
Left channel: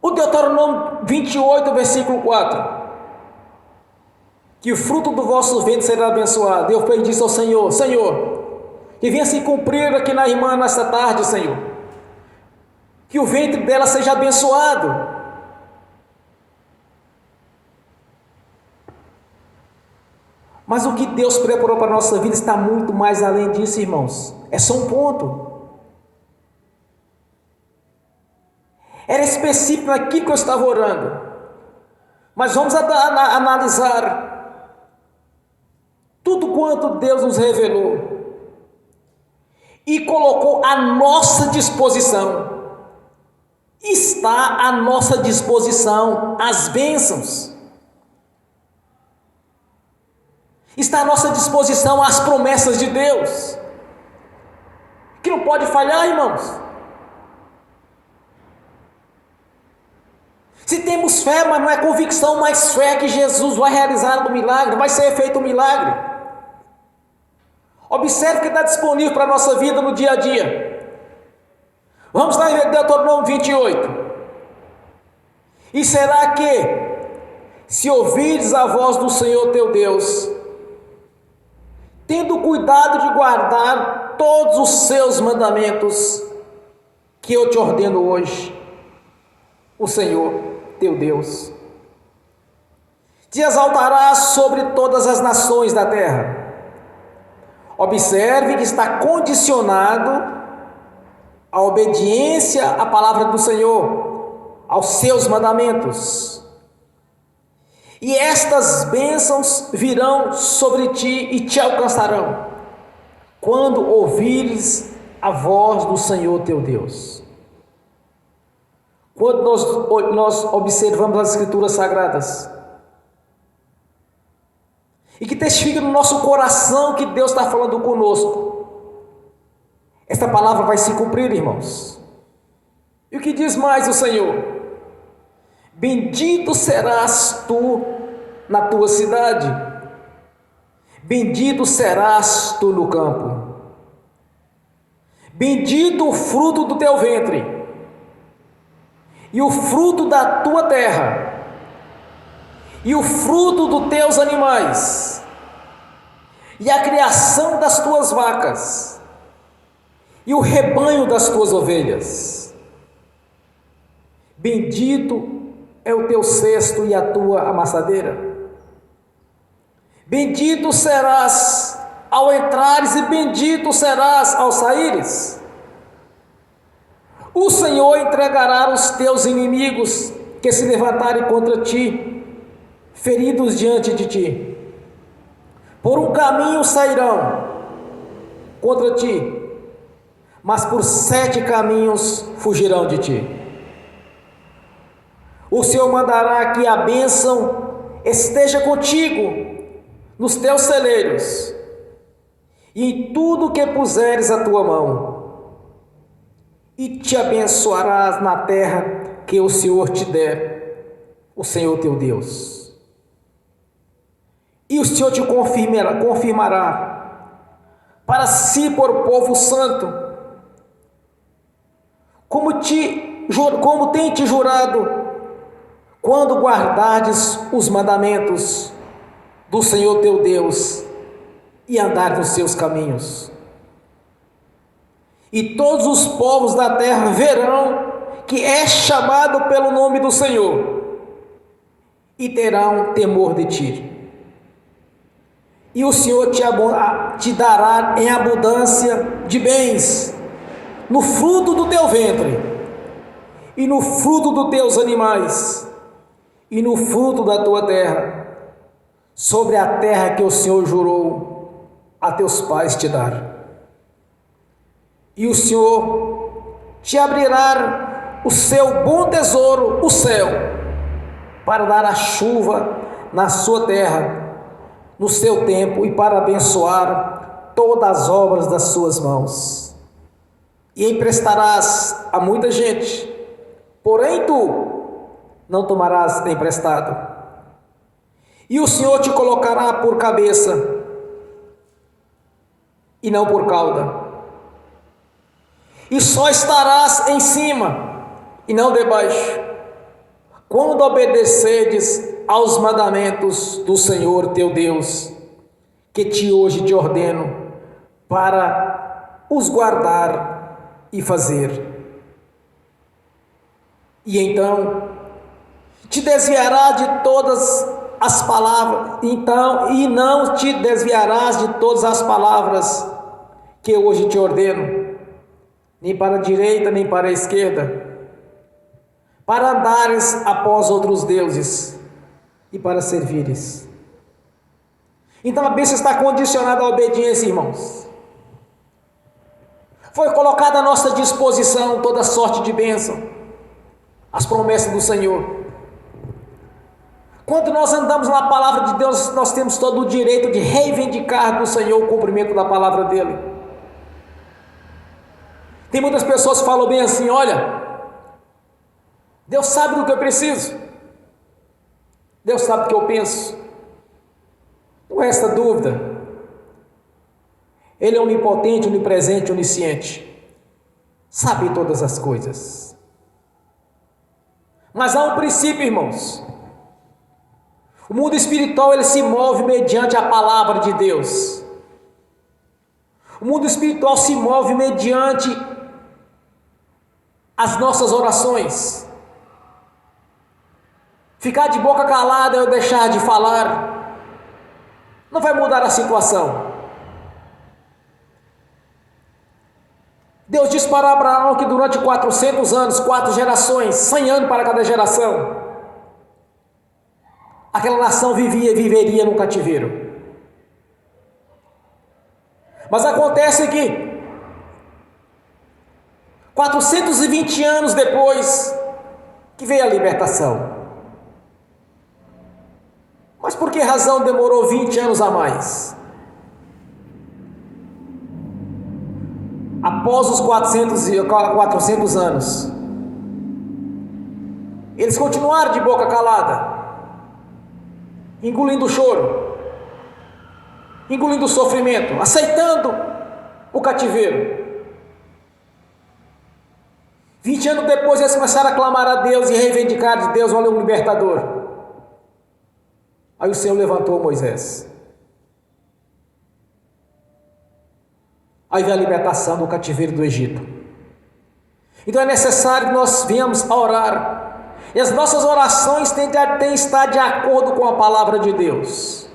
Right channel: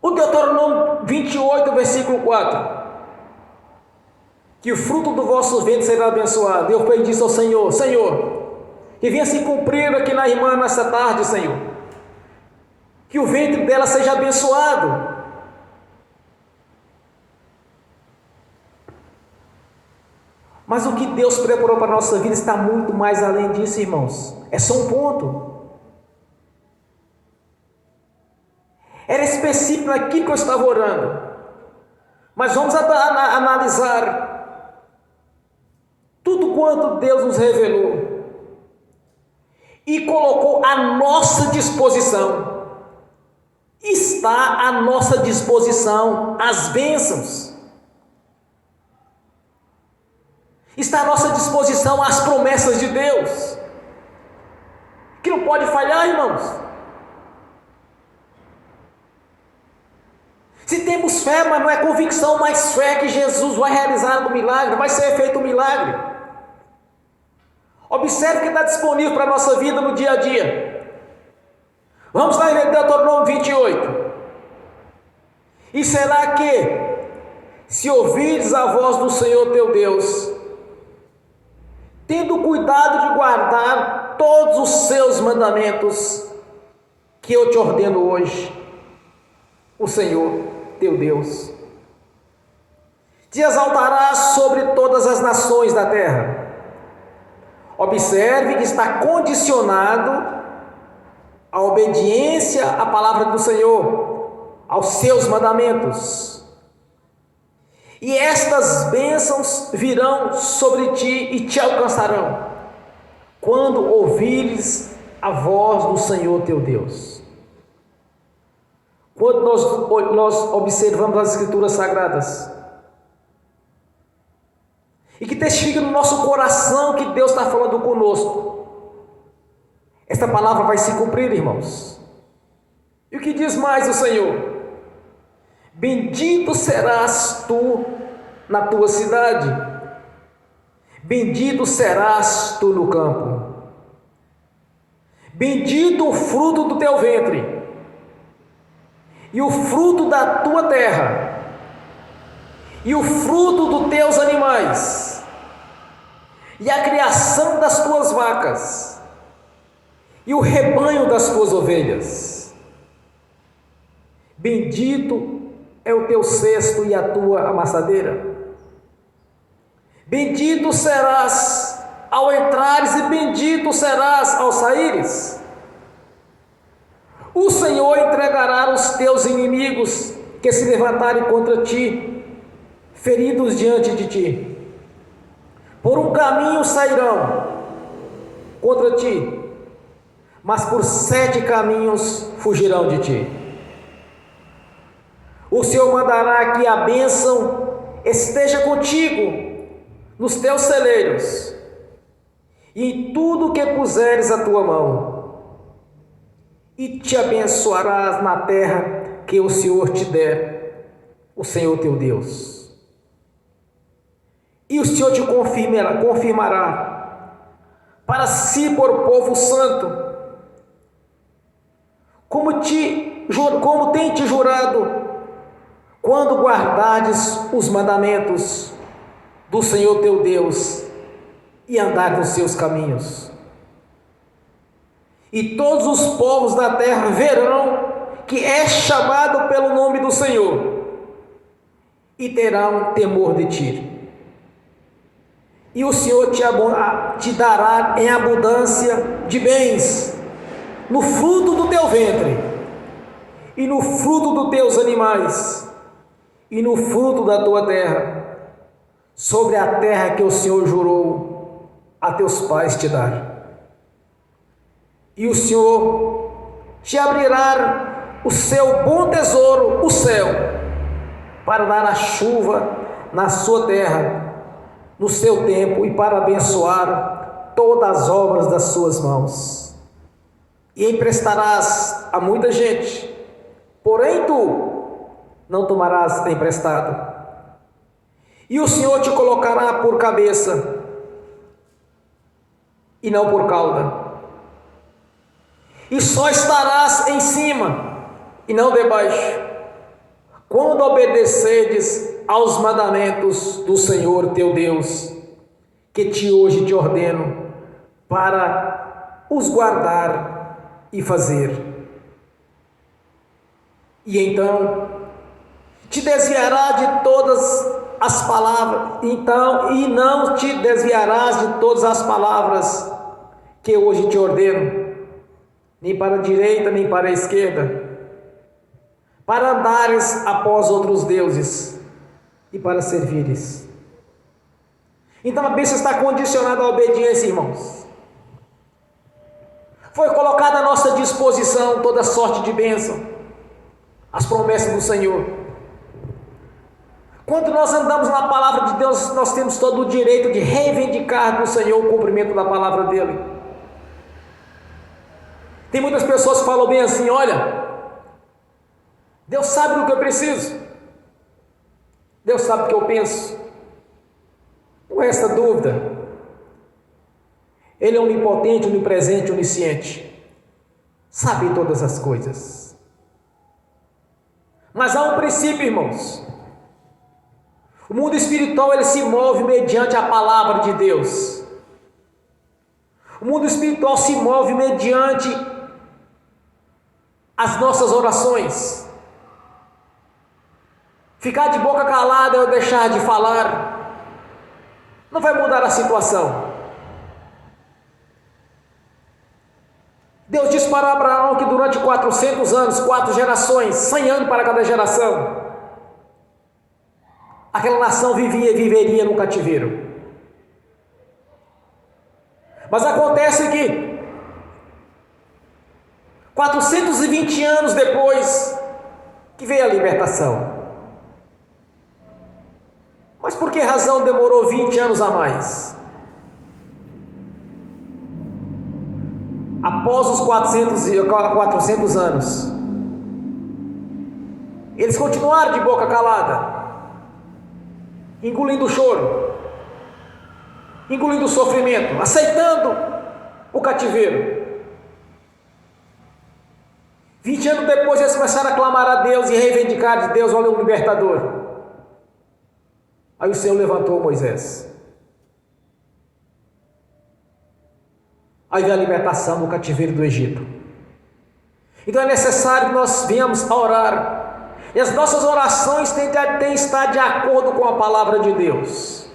o Deuteronômio 28, versículo 4. Que o fruto do vosso ventre será abençoado. Eu pedi ao Senhor, Senhor, que venha se cumprir aqui na irmã nessa tarde, Senhor. Que o ventre dela seja abençoado. Mas o que Deus preparou para a nossa vida está muito mais além disso, irmãos. É só um ponto. Era específico naquilo que eu estava orando. Mas vamos analisar tudo quanto Deus nos revelou e colocou à nossa disposição. Está à nossa disposição as bênçãos. Está à nossa disposição as promessas de Deus, que não pode falhar, irmãos. Se temos fé, mas não é convicção, mas fé que Jesus vai realizar o milagre, vai ser feito o milagre. Observe que está disponível para a nossa vida no dia a dia. Vamos lá em Deuteronômio 28. E será que, se ouvires a voz do Senhor teu Deus, tendo cuidado de guardar todos os seus mandamentos que eu te ordeno hoje, o Senhor teu Deus te exaltarás sobre todas as nações da terra. Observe que está condicionado à obediência à palavra do Senhor, aos seus mandamentos. E estas bênçãos virão sobre ti e te alcançarão, quando ouvires a voz do Senhor teu Deus. Quando nós observamos as Escrituras Sagradas, e que testifica no nosso coração que Deus está falando conosco, esta palavra vai se cumprir, irmãos. E o que diz mais o Senhor? Bendito serás tu na tua cidade, bendito serás tu no campo, bendito o fruto do teu ventre, e o fruto da tua terra, e o fruto dos teus animais, e a criação das tuas vacas, e o rebanho das tuas ovelhas. Bendito é o teu cesto e a tua amassadeira. Bendito serás ao entrares e bendito serás ao saíres. O Senhor entregará os teus inimigos que se levantarem contra ti, feridos diante de ti. Por um caminho sairão contra ti, mas por 7 caminhos fugirão de ti. O Senhor mandará que a bênção esteja contigo nos teus celeiros e em tudo que puseres a tua mão, e te abençoarás na terra que o Senhor te der, o Senhor teu Deus. E o Senhor te confirmará para si por povo santo, como tem te jurado, quando guardardes os mandamentos do Senhor teu Deus e andar nos seus caminhos. E todos os povos da terra verão que és chamado pelo nome do Senhor e terão temor de ti. E o Senhor te dará em abundância de bens, no fruto do teu ventre, e no fruto dos teus animais, e no fruto da tua terra, sobre a terra que o Senhor jurou a teus pais te dar. E o Senhor te abrirá o seu bom tesouro, o céu, para dar a chuva na sua terra, no seu tempo, e para abençoar todas as obras das suas mãos. E emprestarás a muita gente, porém tu não tomarás emprestado. E o Senhor te colocará por cabeça e não por cauda. E só estarás em cima e não debaixo, quando obedecerdes aos mandamentos do Senhor teu Deus, que hoje te ordeno, para os guardar e fazer. E então te desviará de todas as palavras, e não te desviarás de todas as palavras que hoje te ordeno, nem para a direita, nem para a esquerda, para andares após outros deuses e para servires. Então a bênção está condicionada à obediência, irmãos. Foi colocada à nossa disposição toda sorte de bênção, as promessas do Senhor. Quando nós andamos na palavra de Deus, nós temos todo o direito de reivindicar do Senhor o cumprimento da palavra dele. Tem muitas pessoas que falam bem assim: olha, Deus sabe do que eu preciso, Deus sabe do que eu penso. Não resta dúvida, Ele é onipotente, onipresente, onisciente, sabe todas as coisas. Mas há um princípio, irmãos. O mundo espiritual, ele se move mediante a palavra de Deus. O mundo espiritual se move mediante as nossas orações. Ficar de boca calada ou deixar de falar não vai mudar a situação. Deus disse para Abraão que durante 400 anos, 4 gerações, 100 anos para cada geração, aquela nação viveria no cativeiro. Mas acontece que 420 anos depois que veio a libertação. Mas por que razão demorou 20 anos a mais? Após os 400 anos, eles continuaram de boca calada, engolindo o choro, engolindo o sofrimento, aceitando o cativeiro. 20 anos depois eles começaram a clamar a Deus e reivindicar de Deus: olha, um libertador. Aí o Senhor levantou Moisés. Aí veio a libertação do cativeiro do Egito. Então é necessário que nós venhamos a orar, e as nossas orações têm que estar de acordo com a palavra de Deus.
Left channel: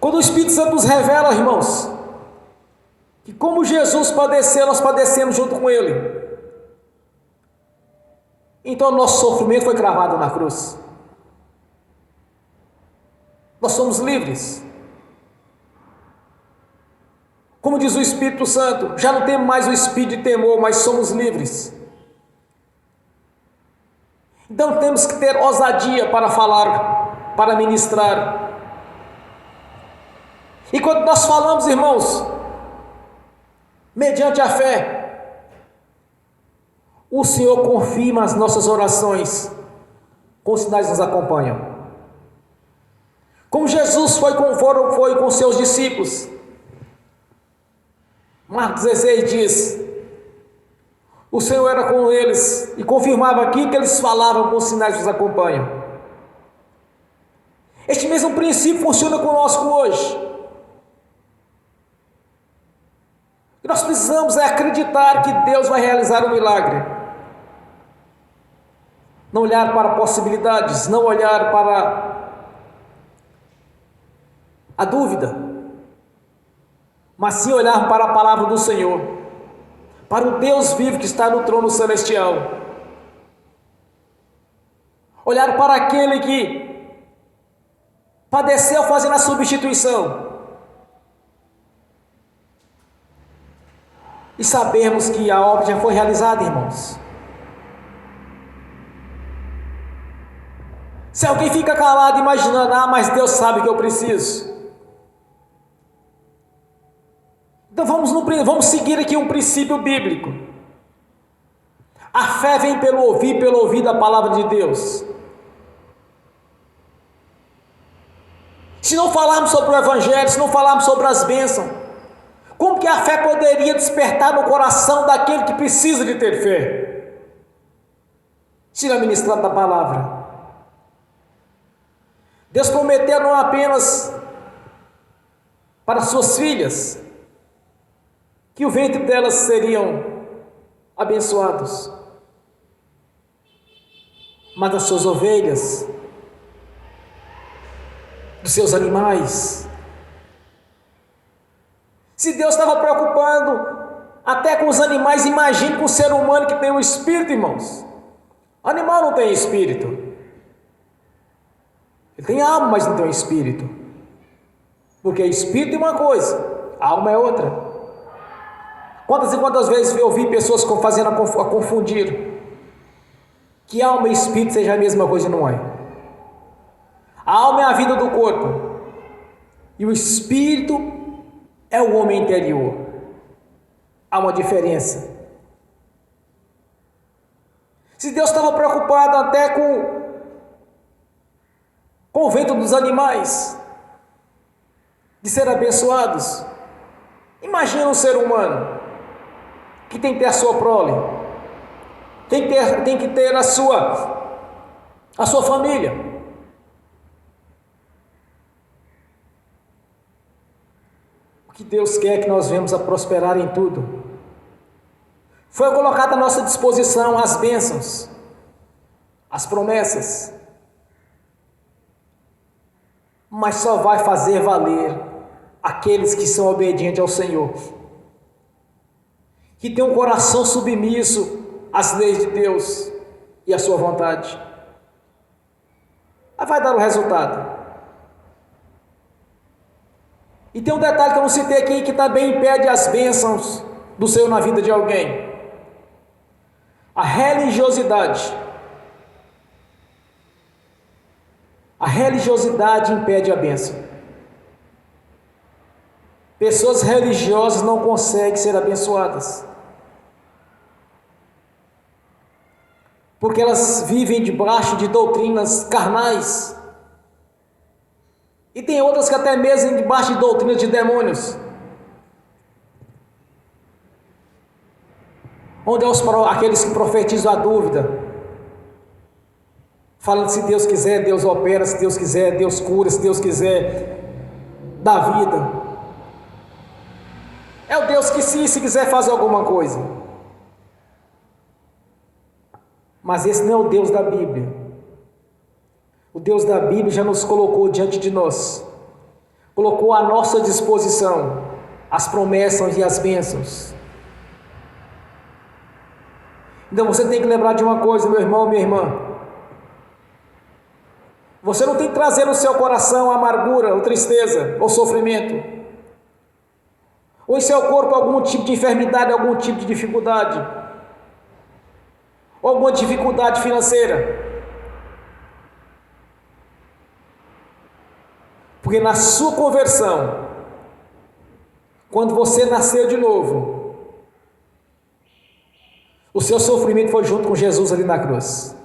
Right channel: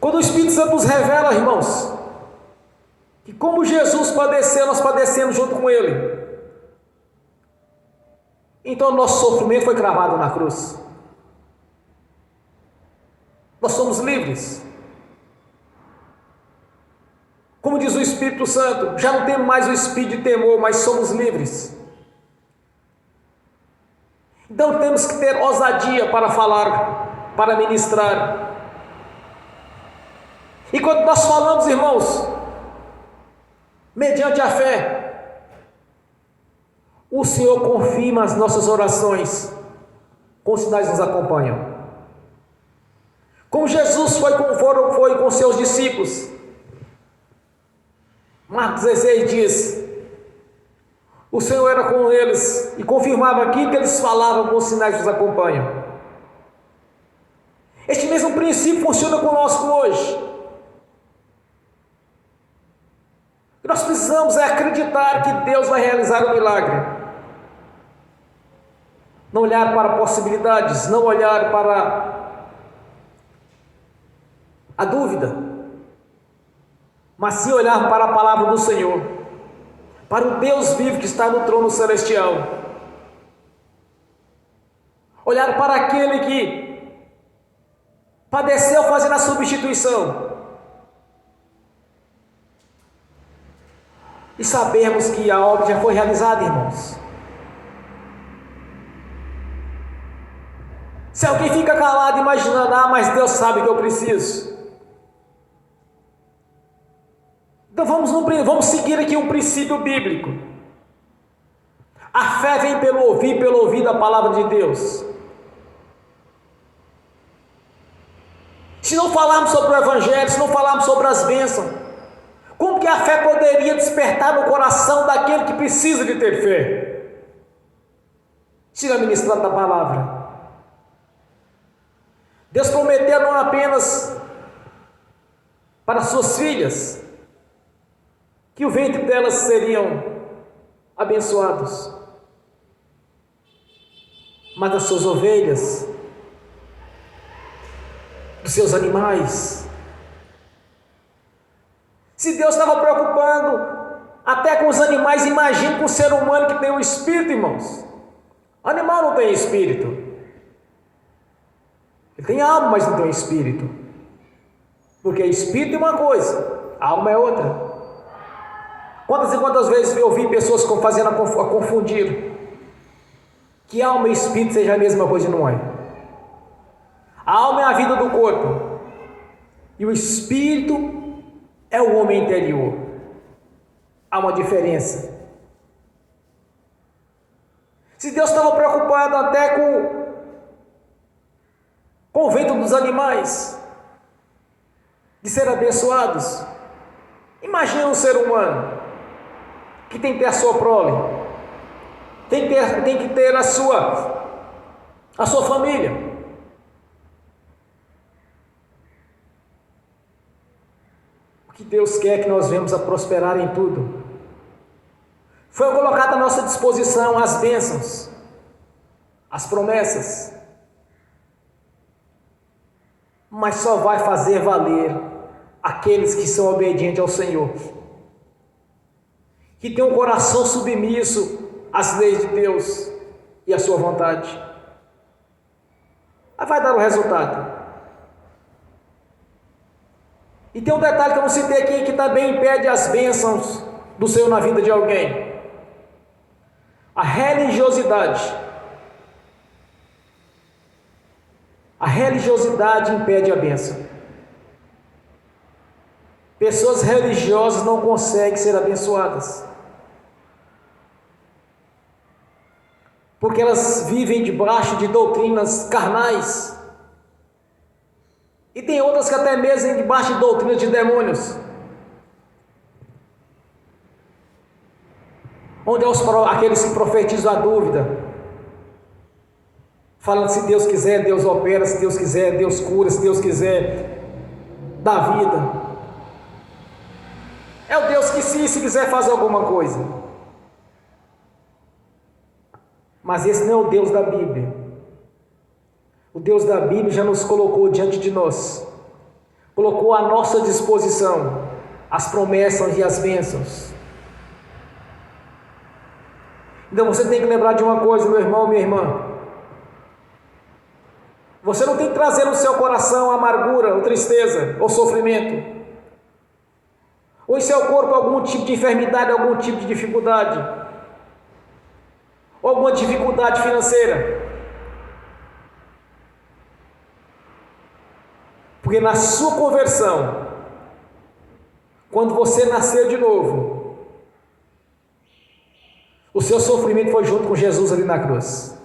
Quando o Espírito Santo nos revela, irmãos, que como Jesus padeceu, nós padecemos junto com Ele, então o nosso sofrimento foi cravado na cruz. Nós somos livres. Como diz o Espírito Santo, já não temos mais o espírito de temor, mas somos livres. Então temos que ter ousadia para falar, para ministrar. E quando nós falamos, irmãos, mediante a fé, o Senhor confirma as nossas orações, com sinais nos acompanham. Como Jesus foi com seus discípulos. Marcos 16 diz: o Senhor era com eles e confirmava aquilo que eles falavam, com sinais nos acompanham. Este mesmo princípio funciona conosco hoje. Nós precisamos acreditar que Deus vai realizar o milagre. Não olhar para possibilidades, não olhar para a dúvida, mas sim olhar para a palavra do Senhor, para o Deus vivo que está no trono celestial. Olhar para aquele que padeceu fazendo a substituição. E sabemos que a obra já foi realizada, irmãos. Se alguém fica calado imaginando, mas Deus sabe que eu preciso. Então vamos seguir aqui um princípio bíblico. A fé vem pelo ouvir da palavra de Deus. Se não falarmos sobre o Evangelho, se não falarmos sobre as bênçãos, como que a fé poderia despertar no coração daquele que precisa de ter fé? Se não ministrar da palavra. Deus prometeu não apenas para suas filhas, que o ventre delas seriam abençoados, mas das suas ovelhas, dos seus animais. Se Deus estava preocupando até com os animais, imagine com o ser humano que tem um espírito, irmãos. O animal não tem espírito. Ele tem alma, mas não tem espírito. Porque espírito é uma coisa, alma é outra. Quantas e quantas vezes eu ouvi pessoas fazendo a confundir que alma e espírito seja a mesma coisa, não é? A alma é a vida do corpo e o espírito é o homem interior. Há uma diferença. Se Deus estava preocupado até com o ventre dos animais de ser abençoados, imagina um ser humano que tem que ter a sua prole, tem que ter a sua família. O que Deus quer que nós venhamos a prosperar em tudo. Foi colocado à nossa disposição as bênçãos, as promessas, mas só vai fazer valer aqueles que são obedientes ao Senhor, que tem um coração submisso às leis de Deus e à sua vontade. Aí vai dar o resultado. E tem um detalhe que eu não citei aqui, que também impede as bênçãos do Senhor na vida de alguém: a religiosidade. A religiosidade impede a bênção. Pessoas religiosas não conseguem ser abençoadas, porque elas vivem debaixo de doutrinas carnais. E tem outras que até mesmo debaixo de doutrinas de demônios, onde aqueles que profetizam a dúvida, falando que se Deus quiser, Deus opera, se Deus quiser, Deus cura, se Deus quiser, dá vida. É o Deus que se quiser fazer alguma coisa. Mas esse não é o Deus da Bíblia. O Deus da Bíblia já nos colocou diante de nós, colocou à nossa disposição as promessas e as bênçãos. Então você tem que lembrar de uma coisa, meu irmão, minha irmã: você não tem que trazer no seu coração amargura, ou tristeza, ou sofrimento, ou em seu corpo algum tipo de enfermidade, algum tipo de dificuldade, ou alguma dificuldade financeira. Porque na sua conversão, quando você nasceu de novo, o seu sofrimento foi junto com Jesus ali na cruz.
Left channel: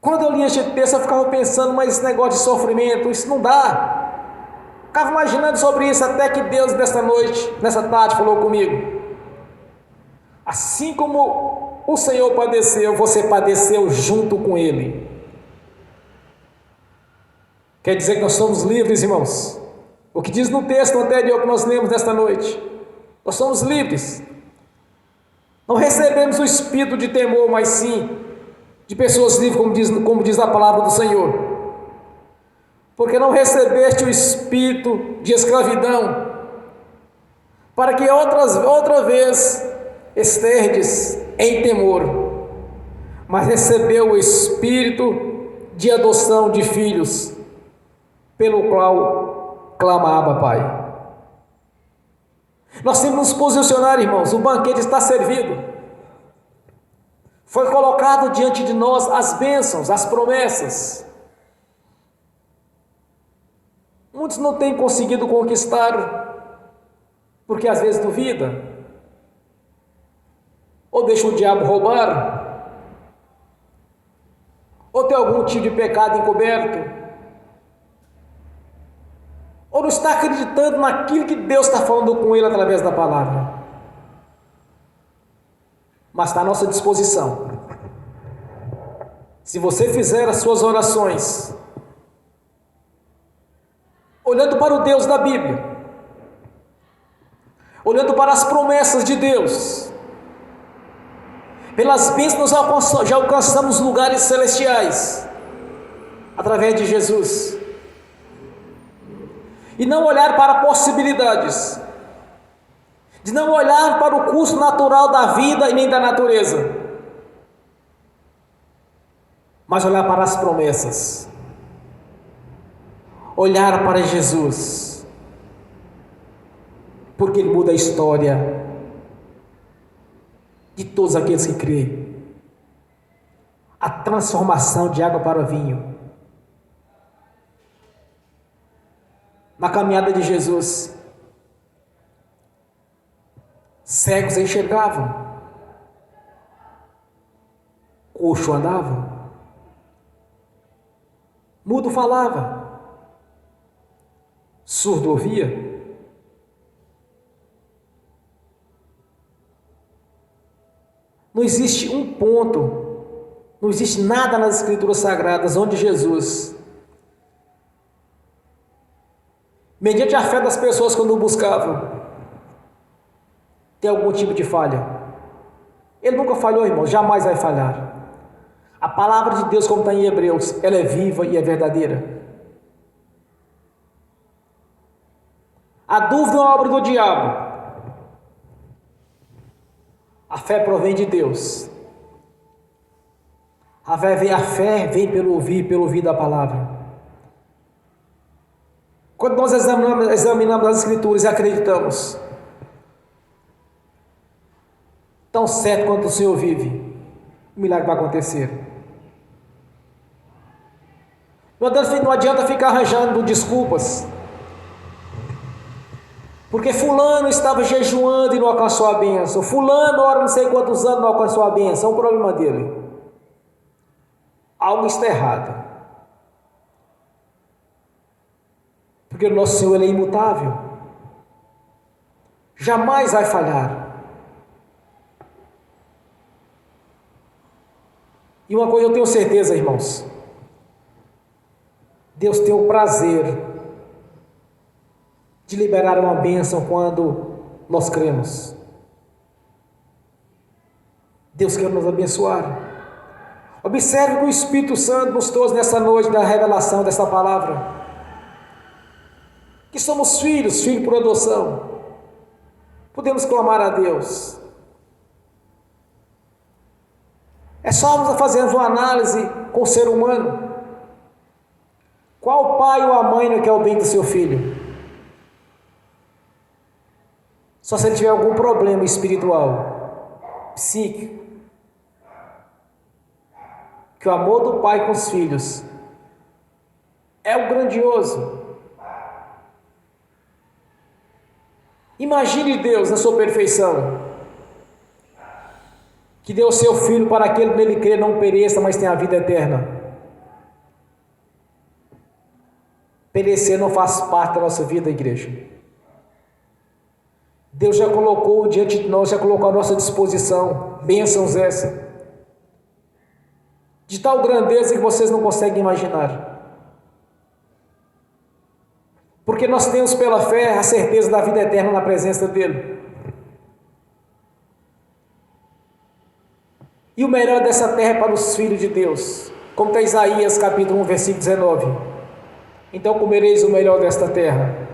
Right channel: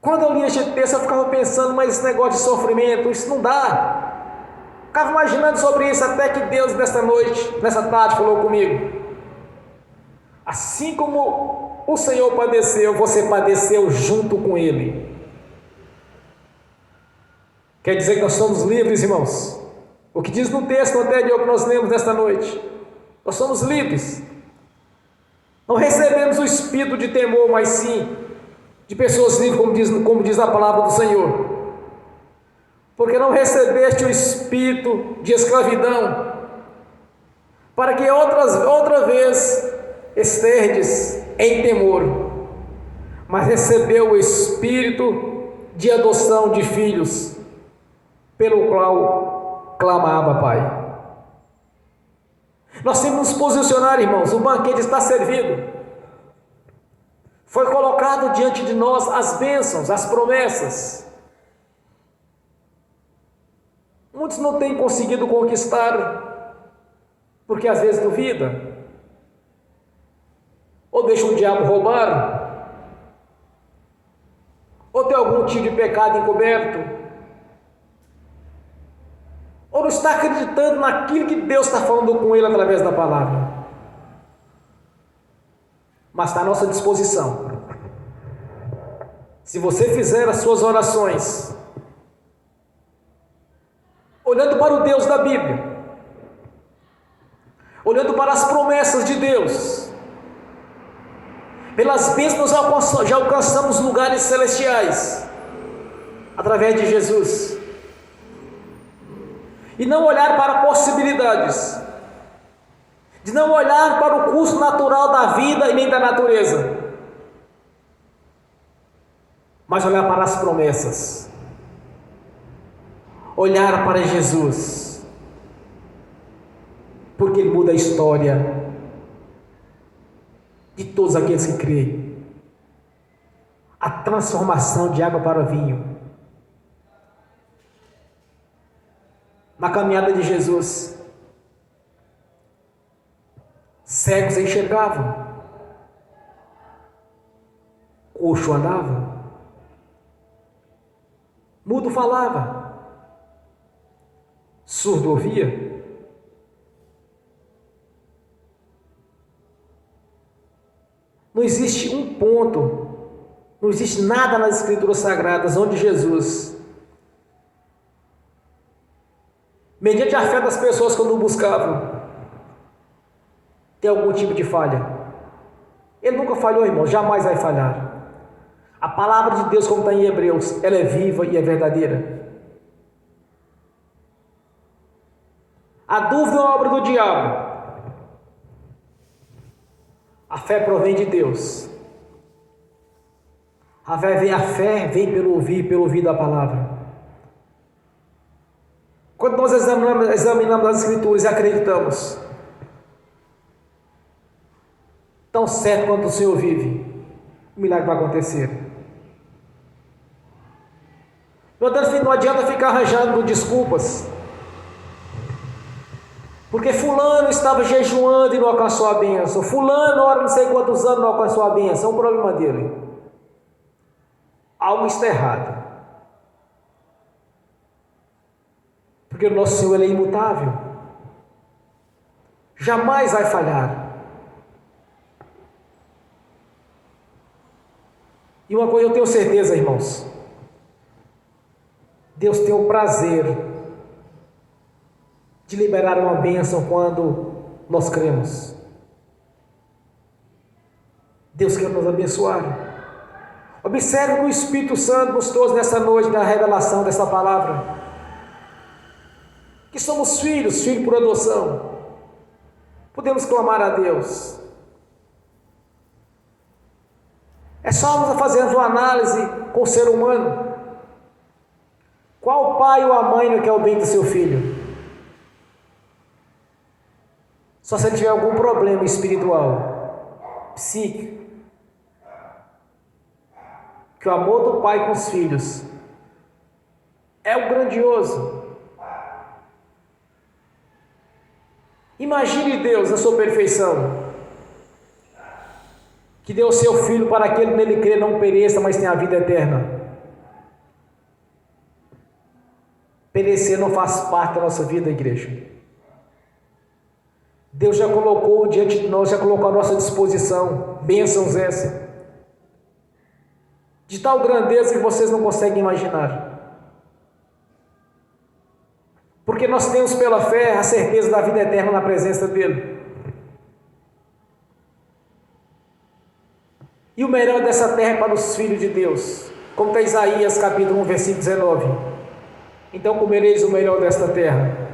Quando eu li esse texto, eu ficava pensando, mas esse negócio de sofrimento, isso não dá. Ficava imaginando sobre isso, até que Deus, nesta noite, nessa tarde, falou comigo. Assim como o Senhor padeceu, você padeceu junto com Ele. Quer dizer que nós somos livres, irmãos? O que diz no texto anterior que nós lemos nesta noite? Nós somos livres. Não recebemos o espírito de temor, mas sim de pessoas livres, como diz a palavra do Senhor. Porque não recebeste o espírito de escravidão, para que outra vez esterdes em temor, mas recebeu o espírito de adoção de filhos, pelo qual clama Abba, Pai. Nós temos que nos posicionar, irmãos. O banquete está servido. Foi colocado diante de nós as bênçãos, as promessas. Muitos não têm conseguido conquistar, porque às vezes duvida, ou deixa o diabo roubar, ou tem algum tipo de pecado encoberto, ou não está acreditando naquilo que Deus está falando com ele através da palavra. Mas está à nossa disposição. Se você fizer as suas orações olhando para o Deus da Bíblia, olhando para as promessas de Deus, pelas bênçãos nós já alcançamos lugares celestiais através de Jesus. E não olhar para possibilidades, de não olhar para o curso natural da vida e nem da natureza, mas olhar para as promessas, olhar para Jesus, porque Ele muda a história de todos aqueles que creem. A transformação de água para vinho. Na caminhada de Jesus, cegos enxergavam, coxo andava, mudo falava, surdo ouvia. Não existe um ponto, não existe nada nas Escrituras Sagradas onde Jesus, mediante a fé das pessoas quando o buscavam, tem algum tipo de falha. Ele nunca falhou, irmão, jamais vai falhar. A palavra de Deus, como está em Hebreus, ela é viva e é verdadeira. A dúvida é uma obra do diabo. A fé provém de Deus. A fé vem pelo ouvir da palavra. Quando nós examinamos as Escrituras e acreditamos, tão certo quanto o Senhor vive, o milagre vai acontecer. Não adianta ficar arranjando desculpas, porque fulano estava jejuando e não alcançou a bênção, fulano ora não sei quantos anos não alcançou a bênção. É um problema dele. Algo está errado, porque o nosso Senhor, Ele é imutável, jamais vai falhar. E uma coisa eu tenho certeza, irmãos, Deus tem o prazer de liberar uma bênção quando nós cremos. Deus quer nos abençoar. Observe que o Espírito Santo nos trouxe nessa noite, na revelação dessa palavra, que somos filhos por adoção. Podemos clamar a Deus. É só nós fazermos uma análise com o ser humano. Qual pai ou a mãe não quer o bem do seu filho? Só se ele tiver algum problema espiritual, psíquico. Que o amor do pai com os filhos é o grandioso. Imagine Deus na sua perfeição, que deu o seu Filho para aquele que nele crê não pereça, mas tenha a vida eterna. Perecer não faz parte da nossa vida, igreja. Deus já colocou diante de nós, já colocou à nossa disposição bênçãos essas, de tal grandeza que vocês não conseguem imaginar. Porque nós temos pela fé a certeza da vida eterna na presença dEle. E o melhor dessa terra é para os filhos de Deus, como está Isaías capítulo 1, versículo 19. Então comereis o melhor desta terra,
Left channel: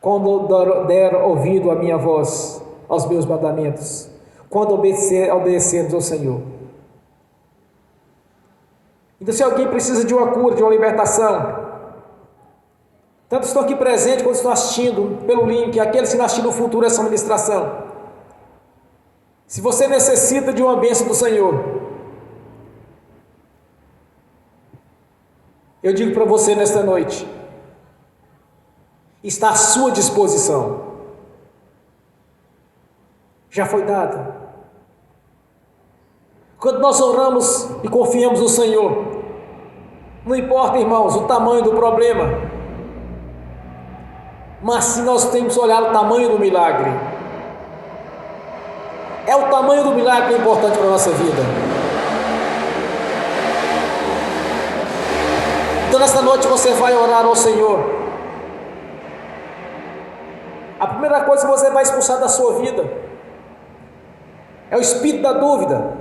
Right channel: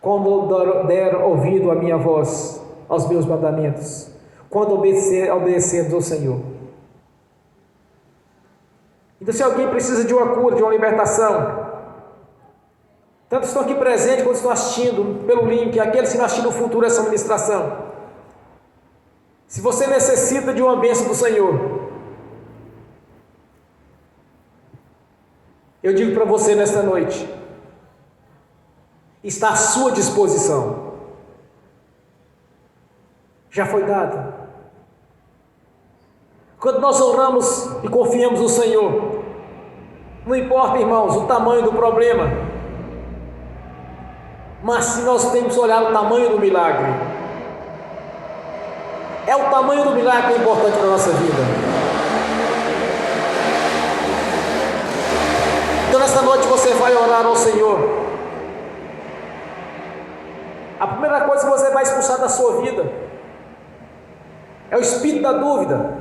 quando der ouvido à minha voz, aos meus mandamentos, quando obedecermos ao Senhor. Então, se alguém precisa de uma cura, de uma libertação, tanto estão aqui presentes quanto estão assistindo pelo link, aqueles que estão assistindo no futuro essa ministração. Se você necessita de uma bênção do Senhor, eu digo para você nesta noite, está à sua disposição, já foi dada. Quando nós oramos e confiamos no Senhor, não importa, irmãos, o tamanho do problema, mas se nós temos que olhar o tamanho do milagre, é o tamanho do milagre que é importante para a nossa vida. Então nesta noite você vai orar ao Senhor. A primeira coisa que você vai expulsar da sua vida é o espírito da dúvida,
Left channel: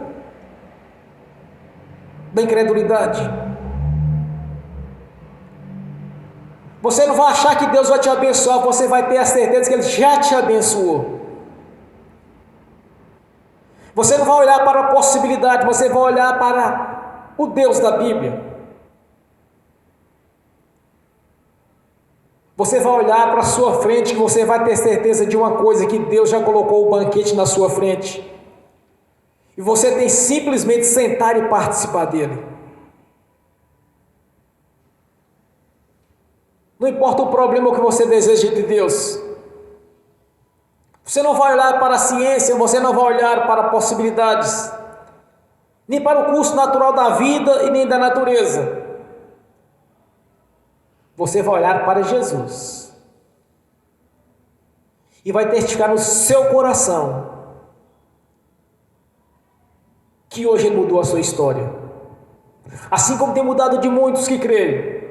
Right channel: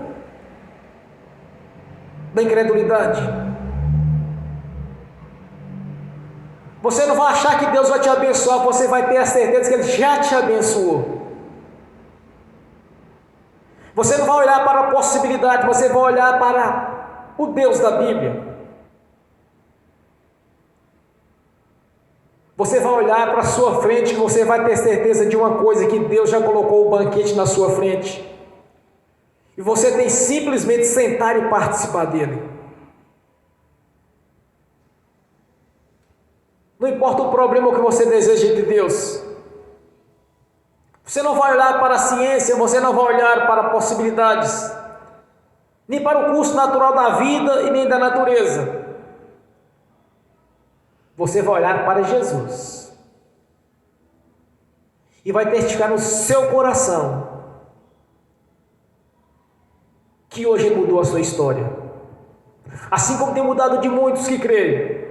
da incredulidade. Você não vai achar que Deus vai te abençoar, você vai ter a certeza que Ele já te abençoou. Você não vai olhar para a possibilidade, você vai olhar para o Deus da Bíblia. Você vai olhar para a sua frente, que você vai ter certeza de uma coisa, que Deus já colocou o banquete na sua frente. E você tem simplesmente sentar e participar dele. Não importa o problema que você deseja de Deus. Você não vai olhar para a ciência, você não vai olhar para possibilidades, nem para o curso natural da vida e nem da natureza. Você vai olhar para Jesus e vai testificar no seu coração que hoje Ele mudou a sua história, assim como tem mudado de muitos que creem.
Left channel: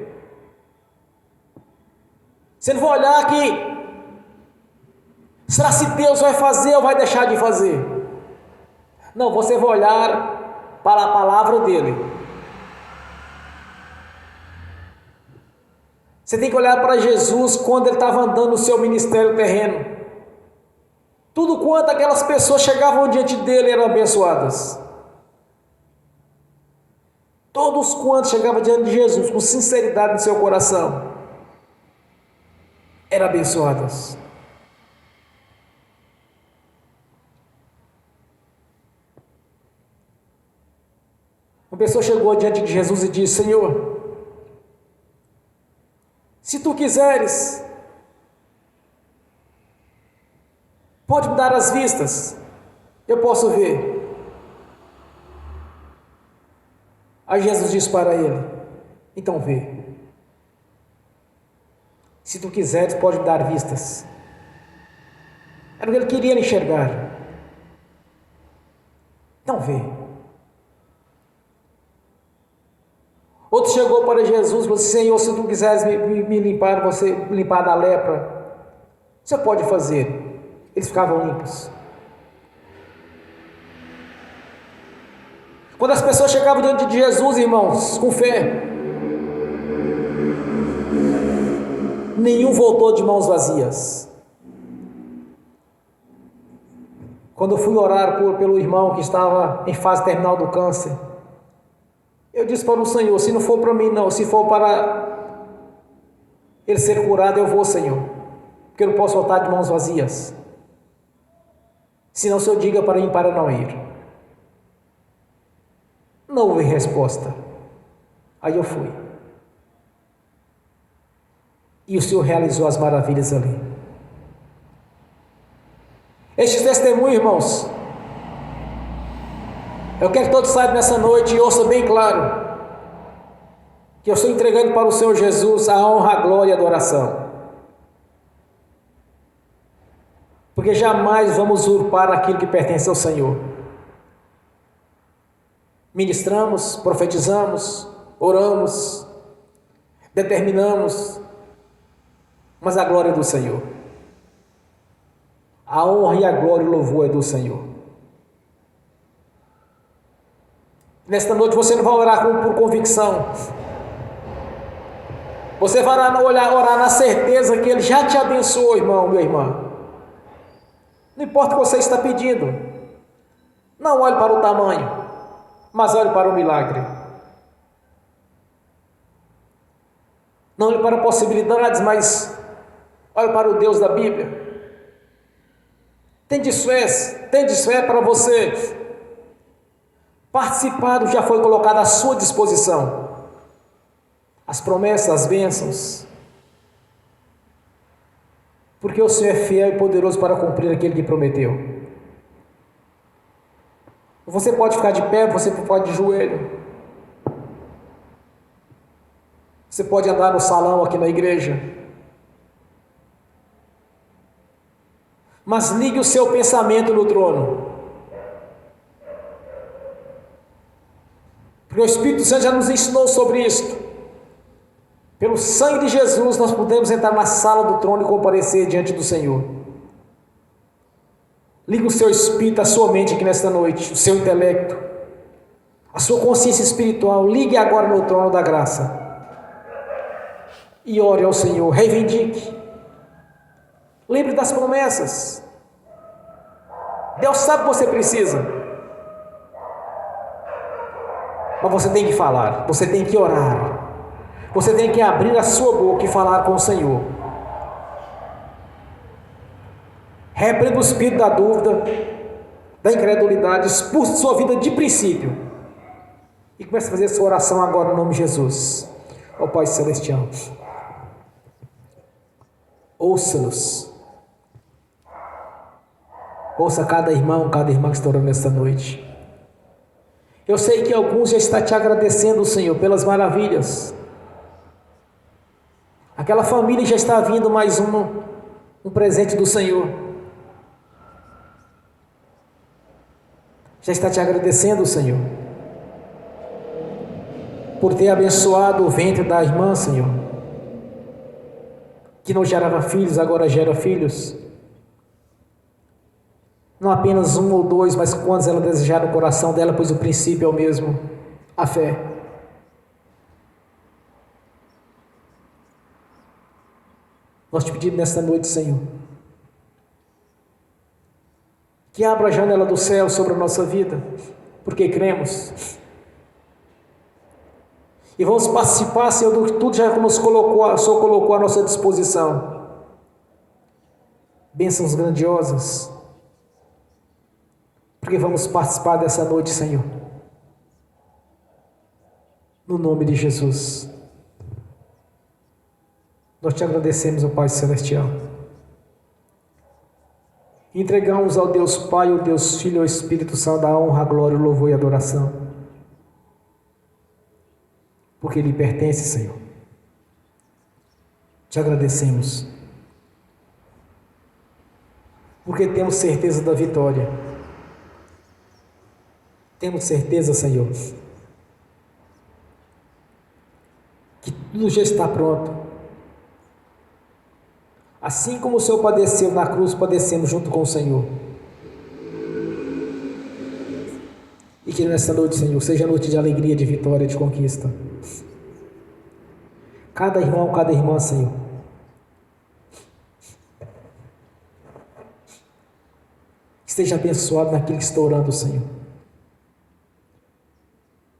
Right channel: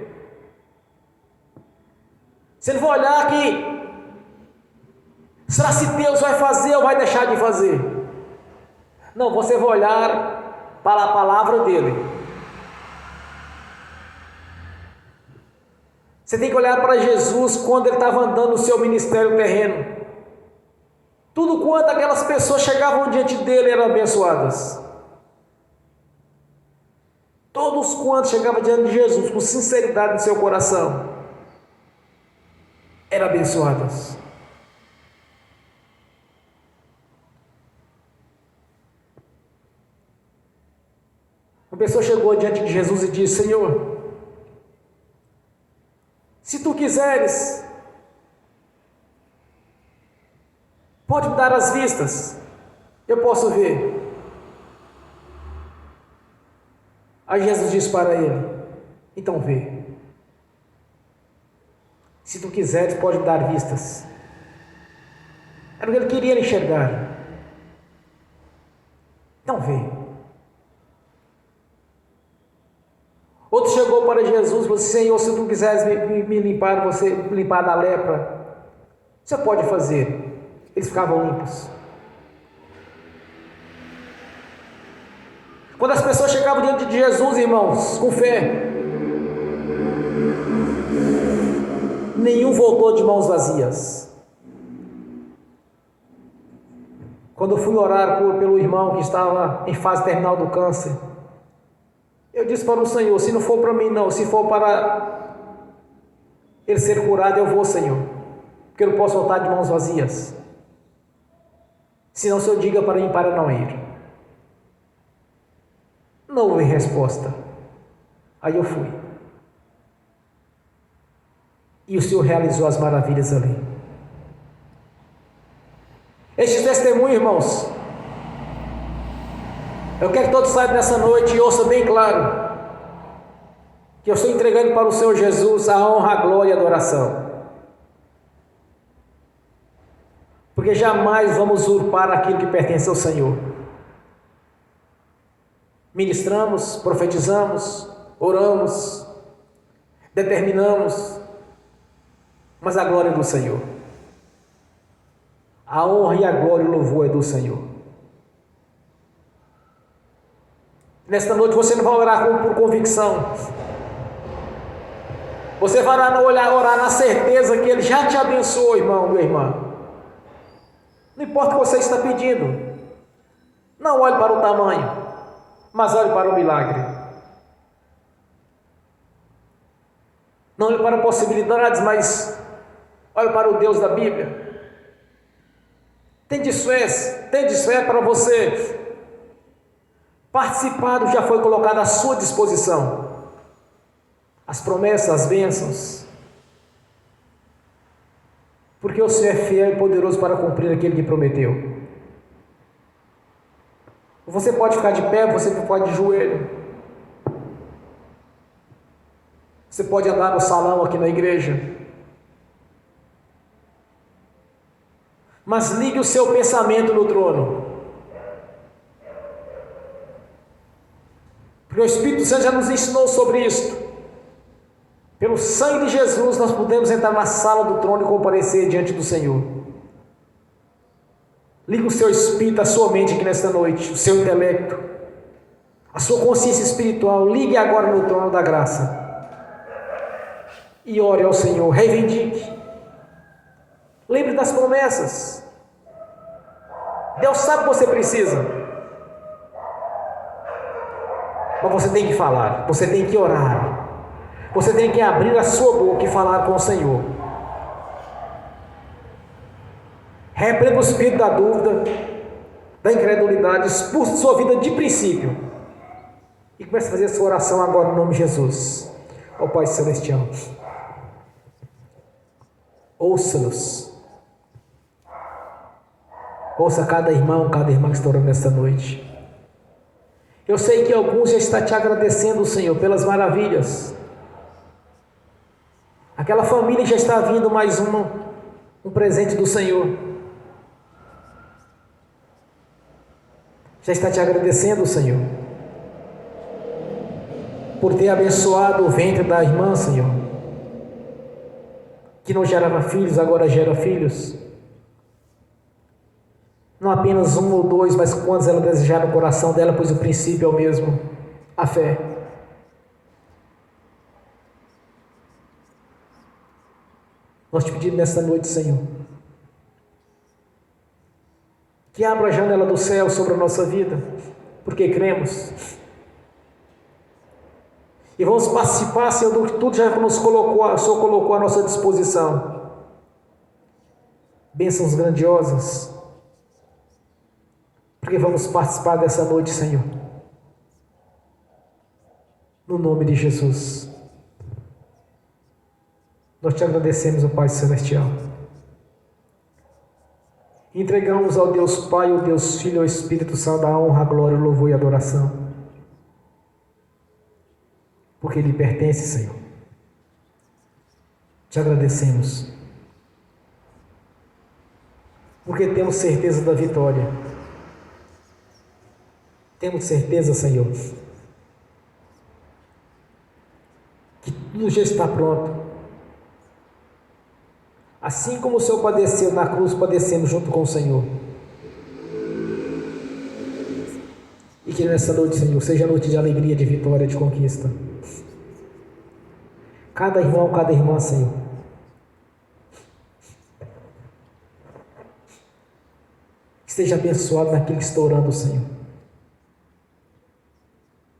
Você não vai olhar que será se Deus vai fazer ou vai deixar de fazer? Não, você vai olhar para a palavra dele. Você tem que olhar para Jesus quando Ele estava andando no seu ministério terreno. Tudo quanto aquelas pessoas chegavam diante dele eram abençoadas. Todos quantos chegavam diante de Jesus com sinceridade no seu coração eram abençoadas. Uma pessoa chegou diante de Jesus e disse: Senhor, se tu quiseres, pode me dar as vistas, eu posso ver. Aí Jesus disse para ele: então vê. Se tu quiseres, pode me dar vistas. Era o que ele queria enxergar. Então vê. Outro chegou para Jesus e falou: Senhor, se tu quiseres me limpar, você limpar da lepra, você pode fazer. Eles ficavam limpos. Quando as pessoas chegavam diante de Jesus, irmãos, com fé, nenhum voltou de mãos vazias. Quando eu fui orar pelo irmão que estava em fase terminal do câncer, eu disse para o Senhor: se não for para mim não, se for para ele ser curado, eu vou, Senhor, porque eu não posso voltar de mãos vazias. Senão o Senhor diga para mim para não ir. Não houve resposta. Aí eu fui. E o Senhor realizou as maravilhas ali. Este testemunho, irmãos, eu quero que todos saibam nessa noite e ouçam bem claro, que eu estou entregando para o Senhor Jesus a honra, a glória e a adoração. Porque jamais vamos usurpar aquilo que pertence ao Senhor. Ministramos, profetizamos, oramos, determinamos, mas a glória é do Senhor. A honra e a glória e o louvor é do Senhor. Nesta noite você não vai orar por convicção. Você vai orar na certeza que Ele já te abençoou, irmão, minha irmã. Não importa o que você está pedindo. Não olhe para o tamanho, mas olhe para o milagre. Não olhe para possibilidades, mas olhe para o Deus da Bíblia. Tende fé para você. Participado já foi colocado à sua disposição. As promessas, as bênçãos. Porque o Senhor é fiel e poderoso para cumprir aquilo que prometeu. Você pode ficar de pé, você pode de joelho. Você pode andar no salão aqui na igreja. Mas ligue o seu pensamento no trono. Porque o Espírito Santo já nos ensinou sobre isso. Pelo sangue de Jesus nós podemos entrar na sala do trono e comparecer diante do Senhor. Ligue o seu espírito, a sua mente aqui nesta noite, o seu intelecto, a sua consciência espiritual. Ligue agora no trono da graça. E ore ao Senhor, reivindique. Lembre das promessas. Deus sabe o que você precisa. Mas você tem que falar, você tem que orar. Você tem que abrir a sua boca e falar com o Senhor. Repreenda o espírito da dúvida, da incredulidade, expulse sua vida de princípio. E comece a fazer sua oração agora no nome de Jesus. Ó Pai Celestial, ouça-nos. Ouça cada irmão, cada irmã que está orando nesta noite. Eu sei que alguns já estão te agradecendo, Senhor, pelas maravilhas. Aquela família já está vindo mais um presente do Senhor. Já está te agradecendo, Senhor, por ter abençoado o ventre da irmã, Senhor, que não gerava filhos, agora gera filhos. Não apenas um ou dois, mas quantos ela desejar no coração dela, pois o princípio é o mesmo, a fé. Nós te pedimos nesta noite, Senhor, que abra a janela do céu sobre a nossa vida, porque cremos. E vamos participar, Senhor, do que tudo já nos colocou, o Senhor colocou à nossa disposição. Bênçãos grandiosas. Porque vamos participar dessa noite, Senhor. No nome de Jesus. Nós te agradecemos, ó Pai Celestial. Entregamos ao Deus Pai, ao Deus Filho e ao Espírito Santo a honra, a glória, o louvor e a adoração. Porque Ele pertence, Senhor. Te agradecemos. Porque temos certeza da vitória. Temos certeza, Senhor, que tudo já está pronto. Assim como o Senhor padeceu na cruz, padecemos junto com o Senhor. E que nessa noite, Senhor, seja noite de alegria, de vitória, de conquista. Cada irmão, cada irmã, Senhor, que seja abençoado naquilo que está orando, Senhor.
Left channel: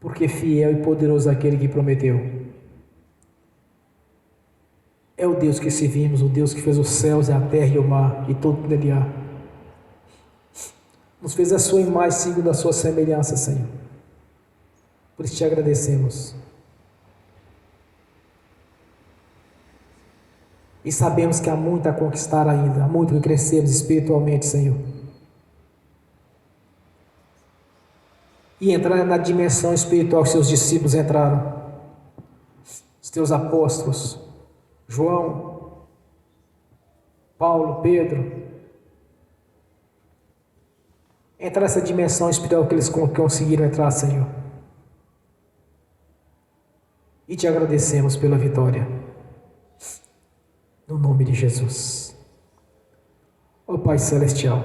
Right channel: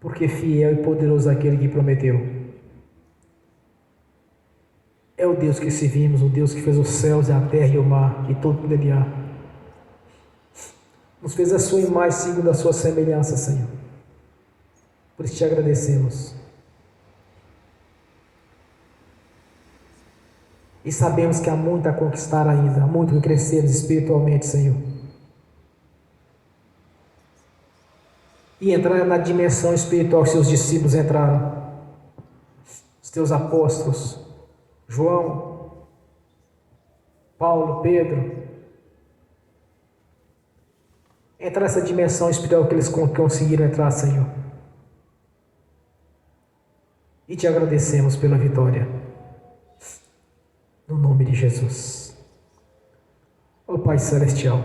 Porque fiel e poderoso é aquele que prometeu. É o Deus que servimos, o Deus que fez os céus, a terra e o mar e tudo que nele há. Nos fez a sua imagem segundo a sua semelhança, Senhor. Por isso te agradecemos. E sabemos que há muito a conquistar ainda, há muito que crescermos espiritualmente, Senhor. e entrar na dimensão espiritual que seus discípulos entraram. Os teus apóstolos, João, Paulo, Pedro, entrar nessa dimensão espiritual que eles conseguiram entrar, Senhor. E te agradecemos pela vitória. No nome de Jesus. Ó Pai Celestial,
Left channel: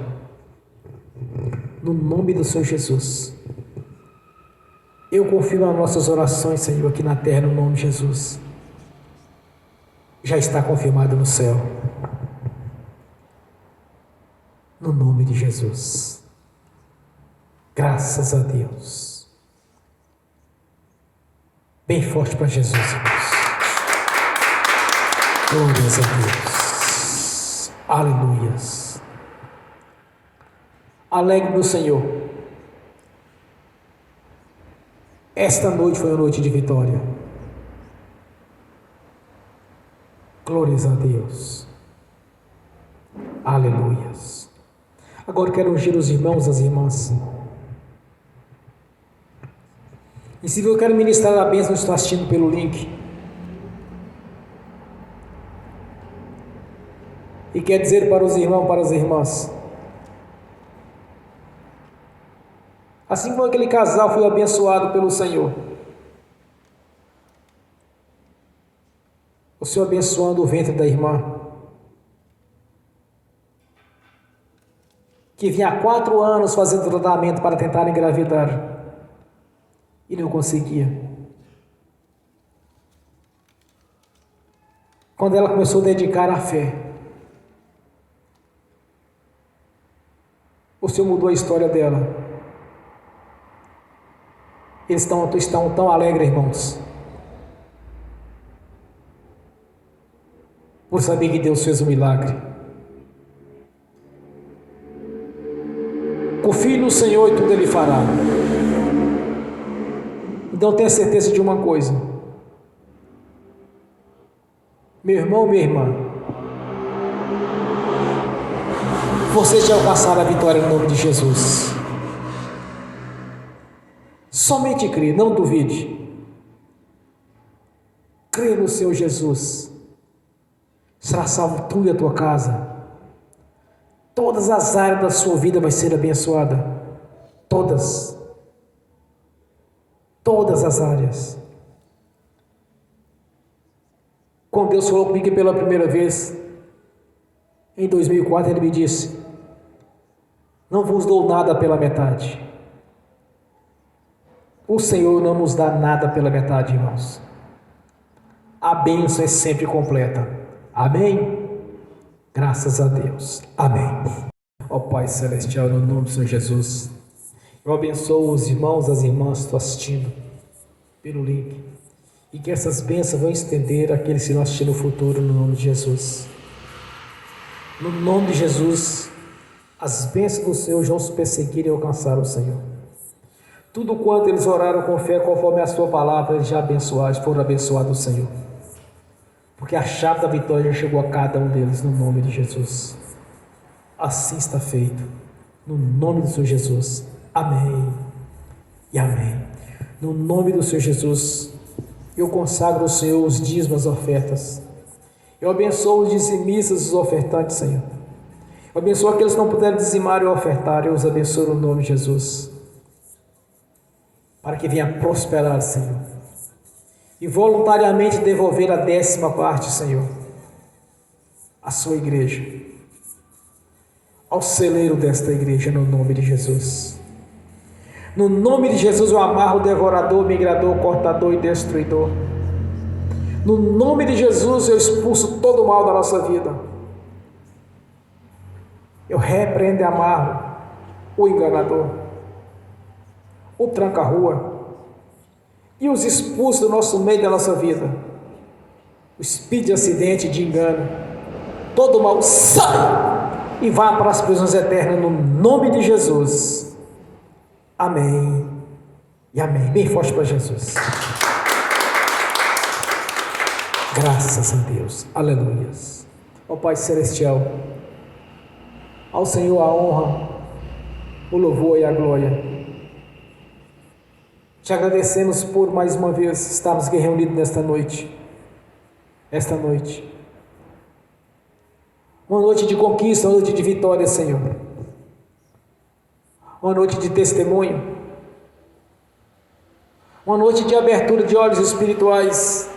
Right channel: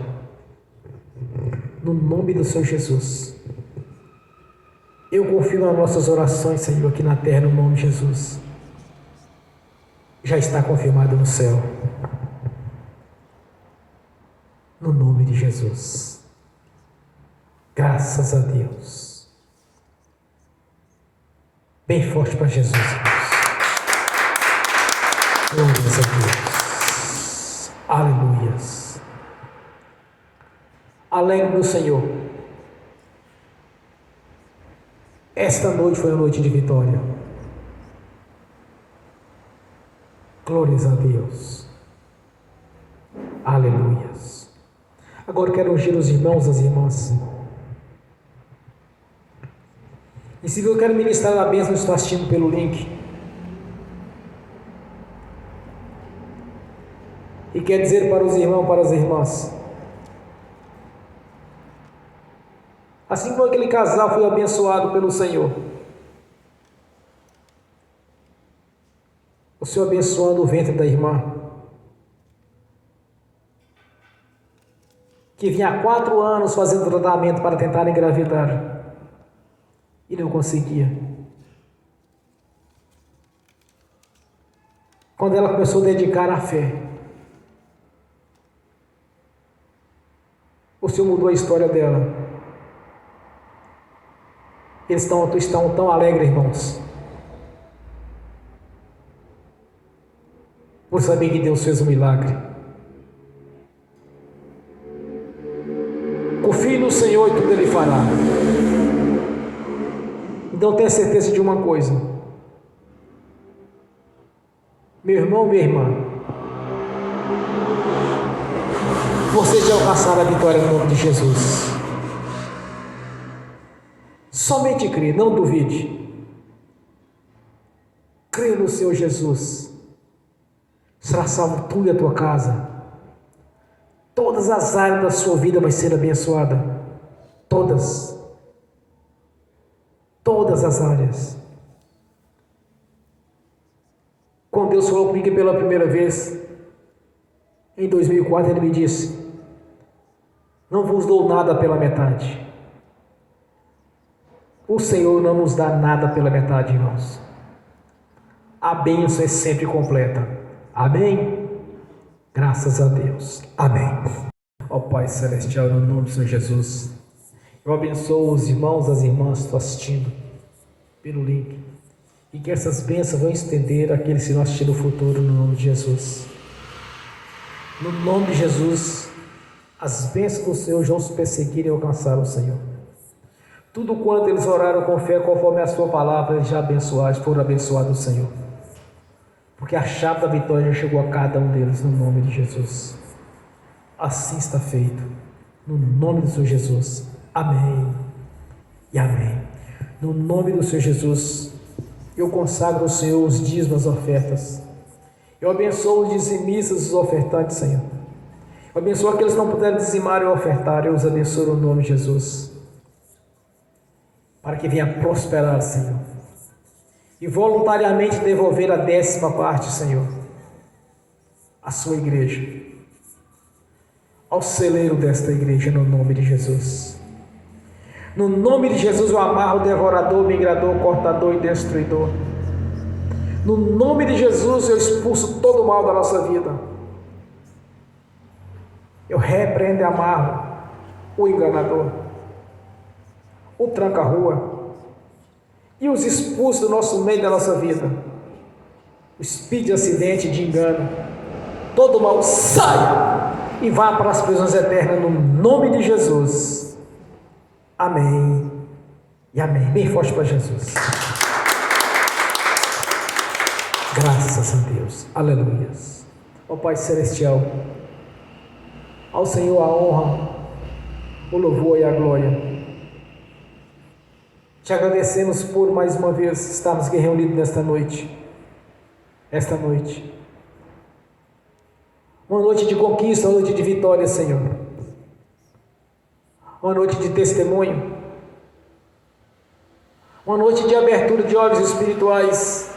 no nome do Senhor Jesus, eu confio nas nossas orações, Senhor, aqui na terra, no nome de Jesus. Já está confirmado no céu. No nome de Jesus. Graças a Deus. Bem forte para Jesus, irmãos. Glórias a Deus. Aleluias. Alegre no Senhor. Esta noite foi uma noite de vitória. Glórias a Deus. Aleluias. Agora eu quero ungir os irmãos e as irmãs. E se eu quero ministrar a bênção, estou assistindo pelo link. E quer dizer para os irmãos, para as irmãs, assim como aquele casal foi abençoado pelo Senhor, o Senhor abençoando o ventre da irmã, que vinha há 4 anos fazendo tratamento para tentar engravidar e não conseguia. Quando ela começou a dedicar à fé, o Senhor mudou a história dela. Eles estão tão alegres, irmãos, por saber que Deus fez um milagre. Confie no Senhor e tudo Ele fará. Então tenha certeza de uma coisa, meu irmão, minha irmã, você já alcançará a vitória no nome de Jesus. Somente crê, não duvide. Crê no Senhor Jesus. Será salvo tu e a tua casa. Todas as áreas da sua vida vai ser abençoada. Todas. Todas as áreas. Quando Deus falou comigo pela primeira vez, em 2004, Ele me disse: não vos dou nada pela metade. O Senhor não nos dá nada pela metade, irmãos. A bênção é sempre completa. Amém? Graças a Deus. Amém. Ó Pai Celestial, no nome do Senhor Jesus, eu abençoo os irmãos e as irmãs que estão assistindo pelo link, e que essas bênçãos vão estender àqueles que vão assistir no futuro, no nome de Jesus. No nome de Jesus, as bênçãos do Senhor vão se perseguir e alcançar o Senhor. Tudo quanto eles oraram com fé, conforme a sua palavra, eles já abençoaram, foram abençoados do Senhor. Porque a chave da vitória já chegou a cada um deles, no nome de Jesus. Assim está feito, no nome do Senhor Jesus. Amém e amém. No nome do Senhor Jesus, eu consagro ao Senhor os dízimos, as ofertas. Eu abençoo os dizimistas e os ofertantes, Senhor. Eu abençoo aqueles que não puderam dizimar e ofertar. Eu os abençoo no nome de Jesus, para que venha prosperar, Senhor, e voluntariamente devolver a 10ª parte, Senhor, à sua igreja, ao celeiro desta igreja, no nome de Jesus. No nome de Jesus eu amarro o devorador, migrador, cortador e destruidor. No nome de Jesus eu expulso todo o mal da nossa vida. Eu repreendo e amarro o enganador, o tranca-rua, e os expulso do nosso meio, da nossa vida. O espírito de acidente, de engano, todo mal sai e vá para as prisões eternas, no nome de Jesus. Amém e amém. Bem forte para Jesus. Graças a Deus. Aleluia. Ó Pai Celestial, ao Senhor a honra, o louvor e a glória. Te agradecemos por mais uma vez estarmos aqui reunidos nesta noite. Esta noite. Uma noite de conquista, uma noite de vitória, Senhor. Uma noite de testemunho. Uma noite de abertura de olhos espirituais.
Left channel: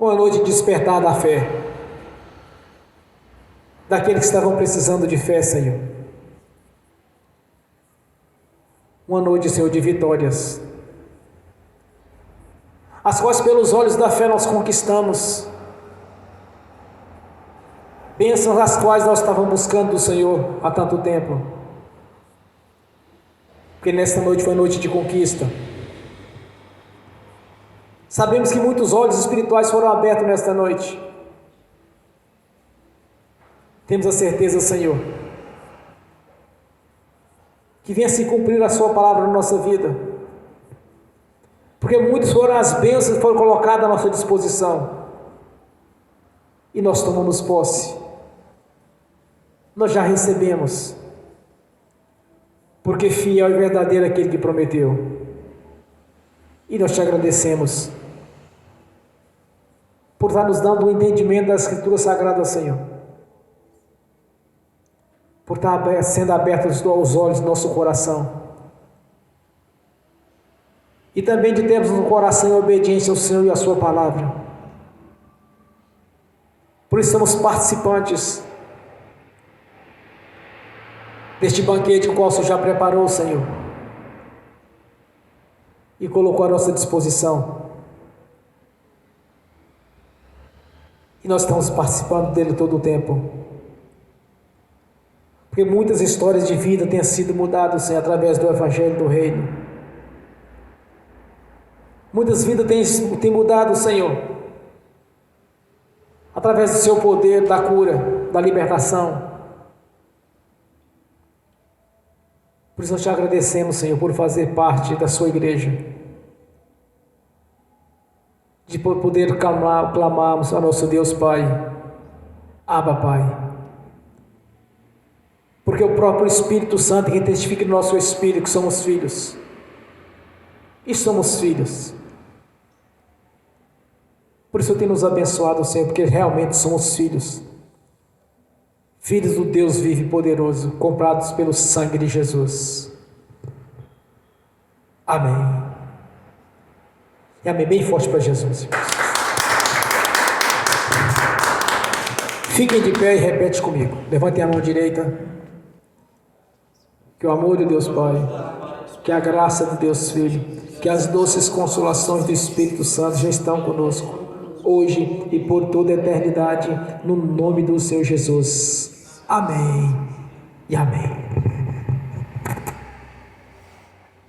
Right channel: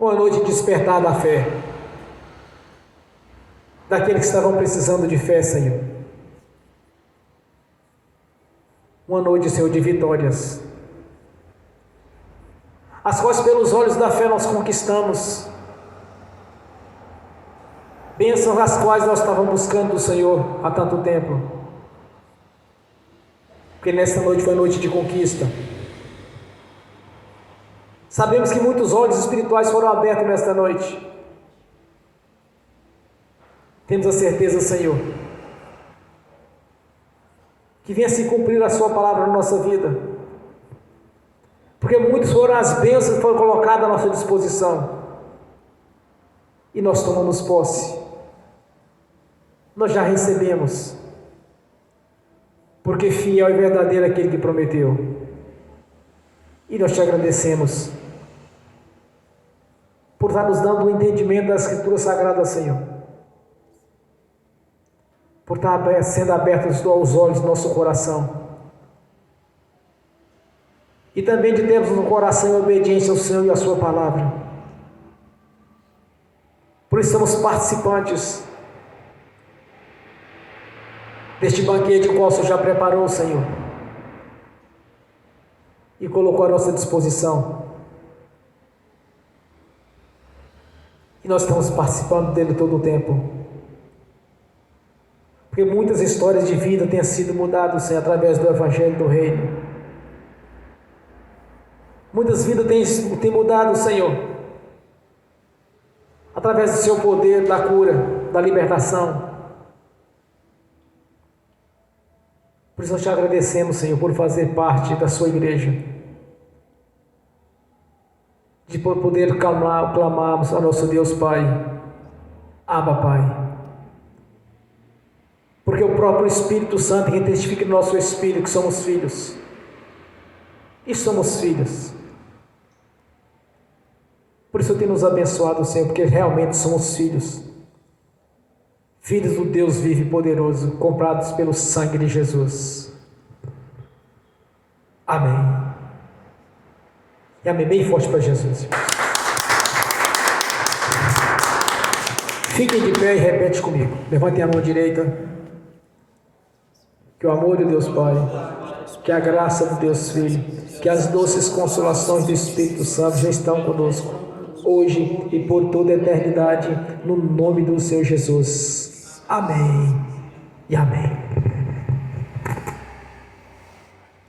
Uma noite de despertar da fé. Daqueles que estavam precisando de fé, Senhor. Uma noite, Senhor, de vitórias. As quais pelos olhos da fé nós conquistamos. Bênçãos as quais nós estávamos buscando do Senhor há tanto tempo. Porque nesta noite foi noite de conquista. Sabemos que muitos olhos espirituais foram abertos nesta noite. Temos a certeza, Senhor, que venha se cumprir a sua palavra na nossa vida. Porque muitas foram as bênçãos que foram colocadas à nossa disposição. E nós tomamos posse. Nós já recebemos. Porque fiel e verdadeiro é aquele que prometeu. E nós te agradecemos por estar nos dando o entendimento da Escritura Sagrada, Senhor. Por estar sendo abertos aos olhos do nosso coração. E também de termos no coração em obediência ao Senhor e à sua palavra. Por isso somos participantes deste banquete, o qual o Senhor já preparou, Senhor, e colocou à nossa disposição. E nós estamos participando dele todo o tempo. Porque muitas histórias de vida têm sido mudadas, Senhor, através do Evangelho do Reino. Muitas vidas têm mudado, Senhor, através do seu poder, da cura, da libertação. Por isso nós te agradecemos, Senhor, por fazer parte da sua igreja. De poder clamarmos ao nosso Deus Pai. Abba, Pai. Porque o próprio Espírito Santo que testifica no nosso espírito que somos filhos. E somos filhos. Por isso tem nos abençoado, Senhor, porque realmente somos filhos. Filhos do Deus vivo e poderoso, comprados pelo sangue de Jesus. Amém. E amém bem forte para Jesus, irmãos. Fiquem de pé e repete comigo. Levantem a mão direita. Que o amor de Deus Pai, que a graça de Deus Filho, que as doces consolações do Espírito Santo já estão conosco, hoje e por toda a eternidade, no nome do Senhor Jesus. Amém e amém.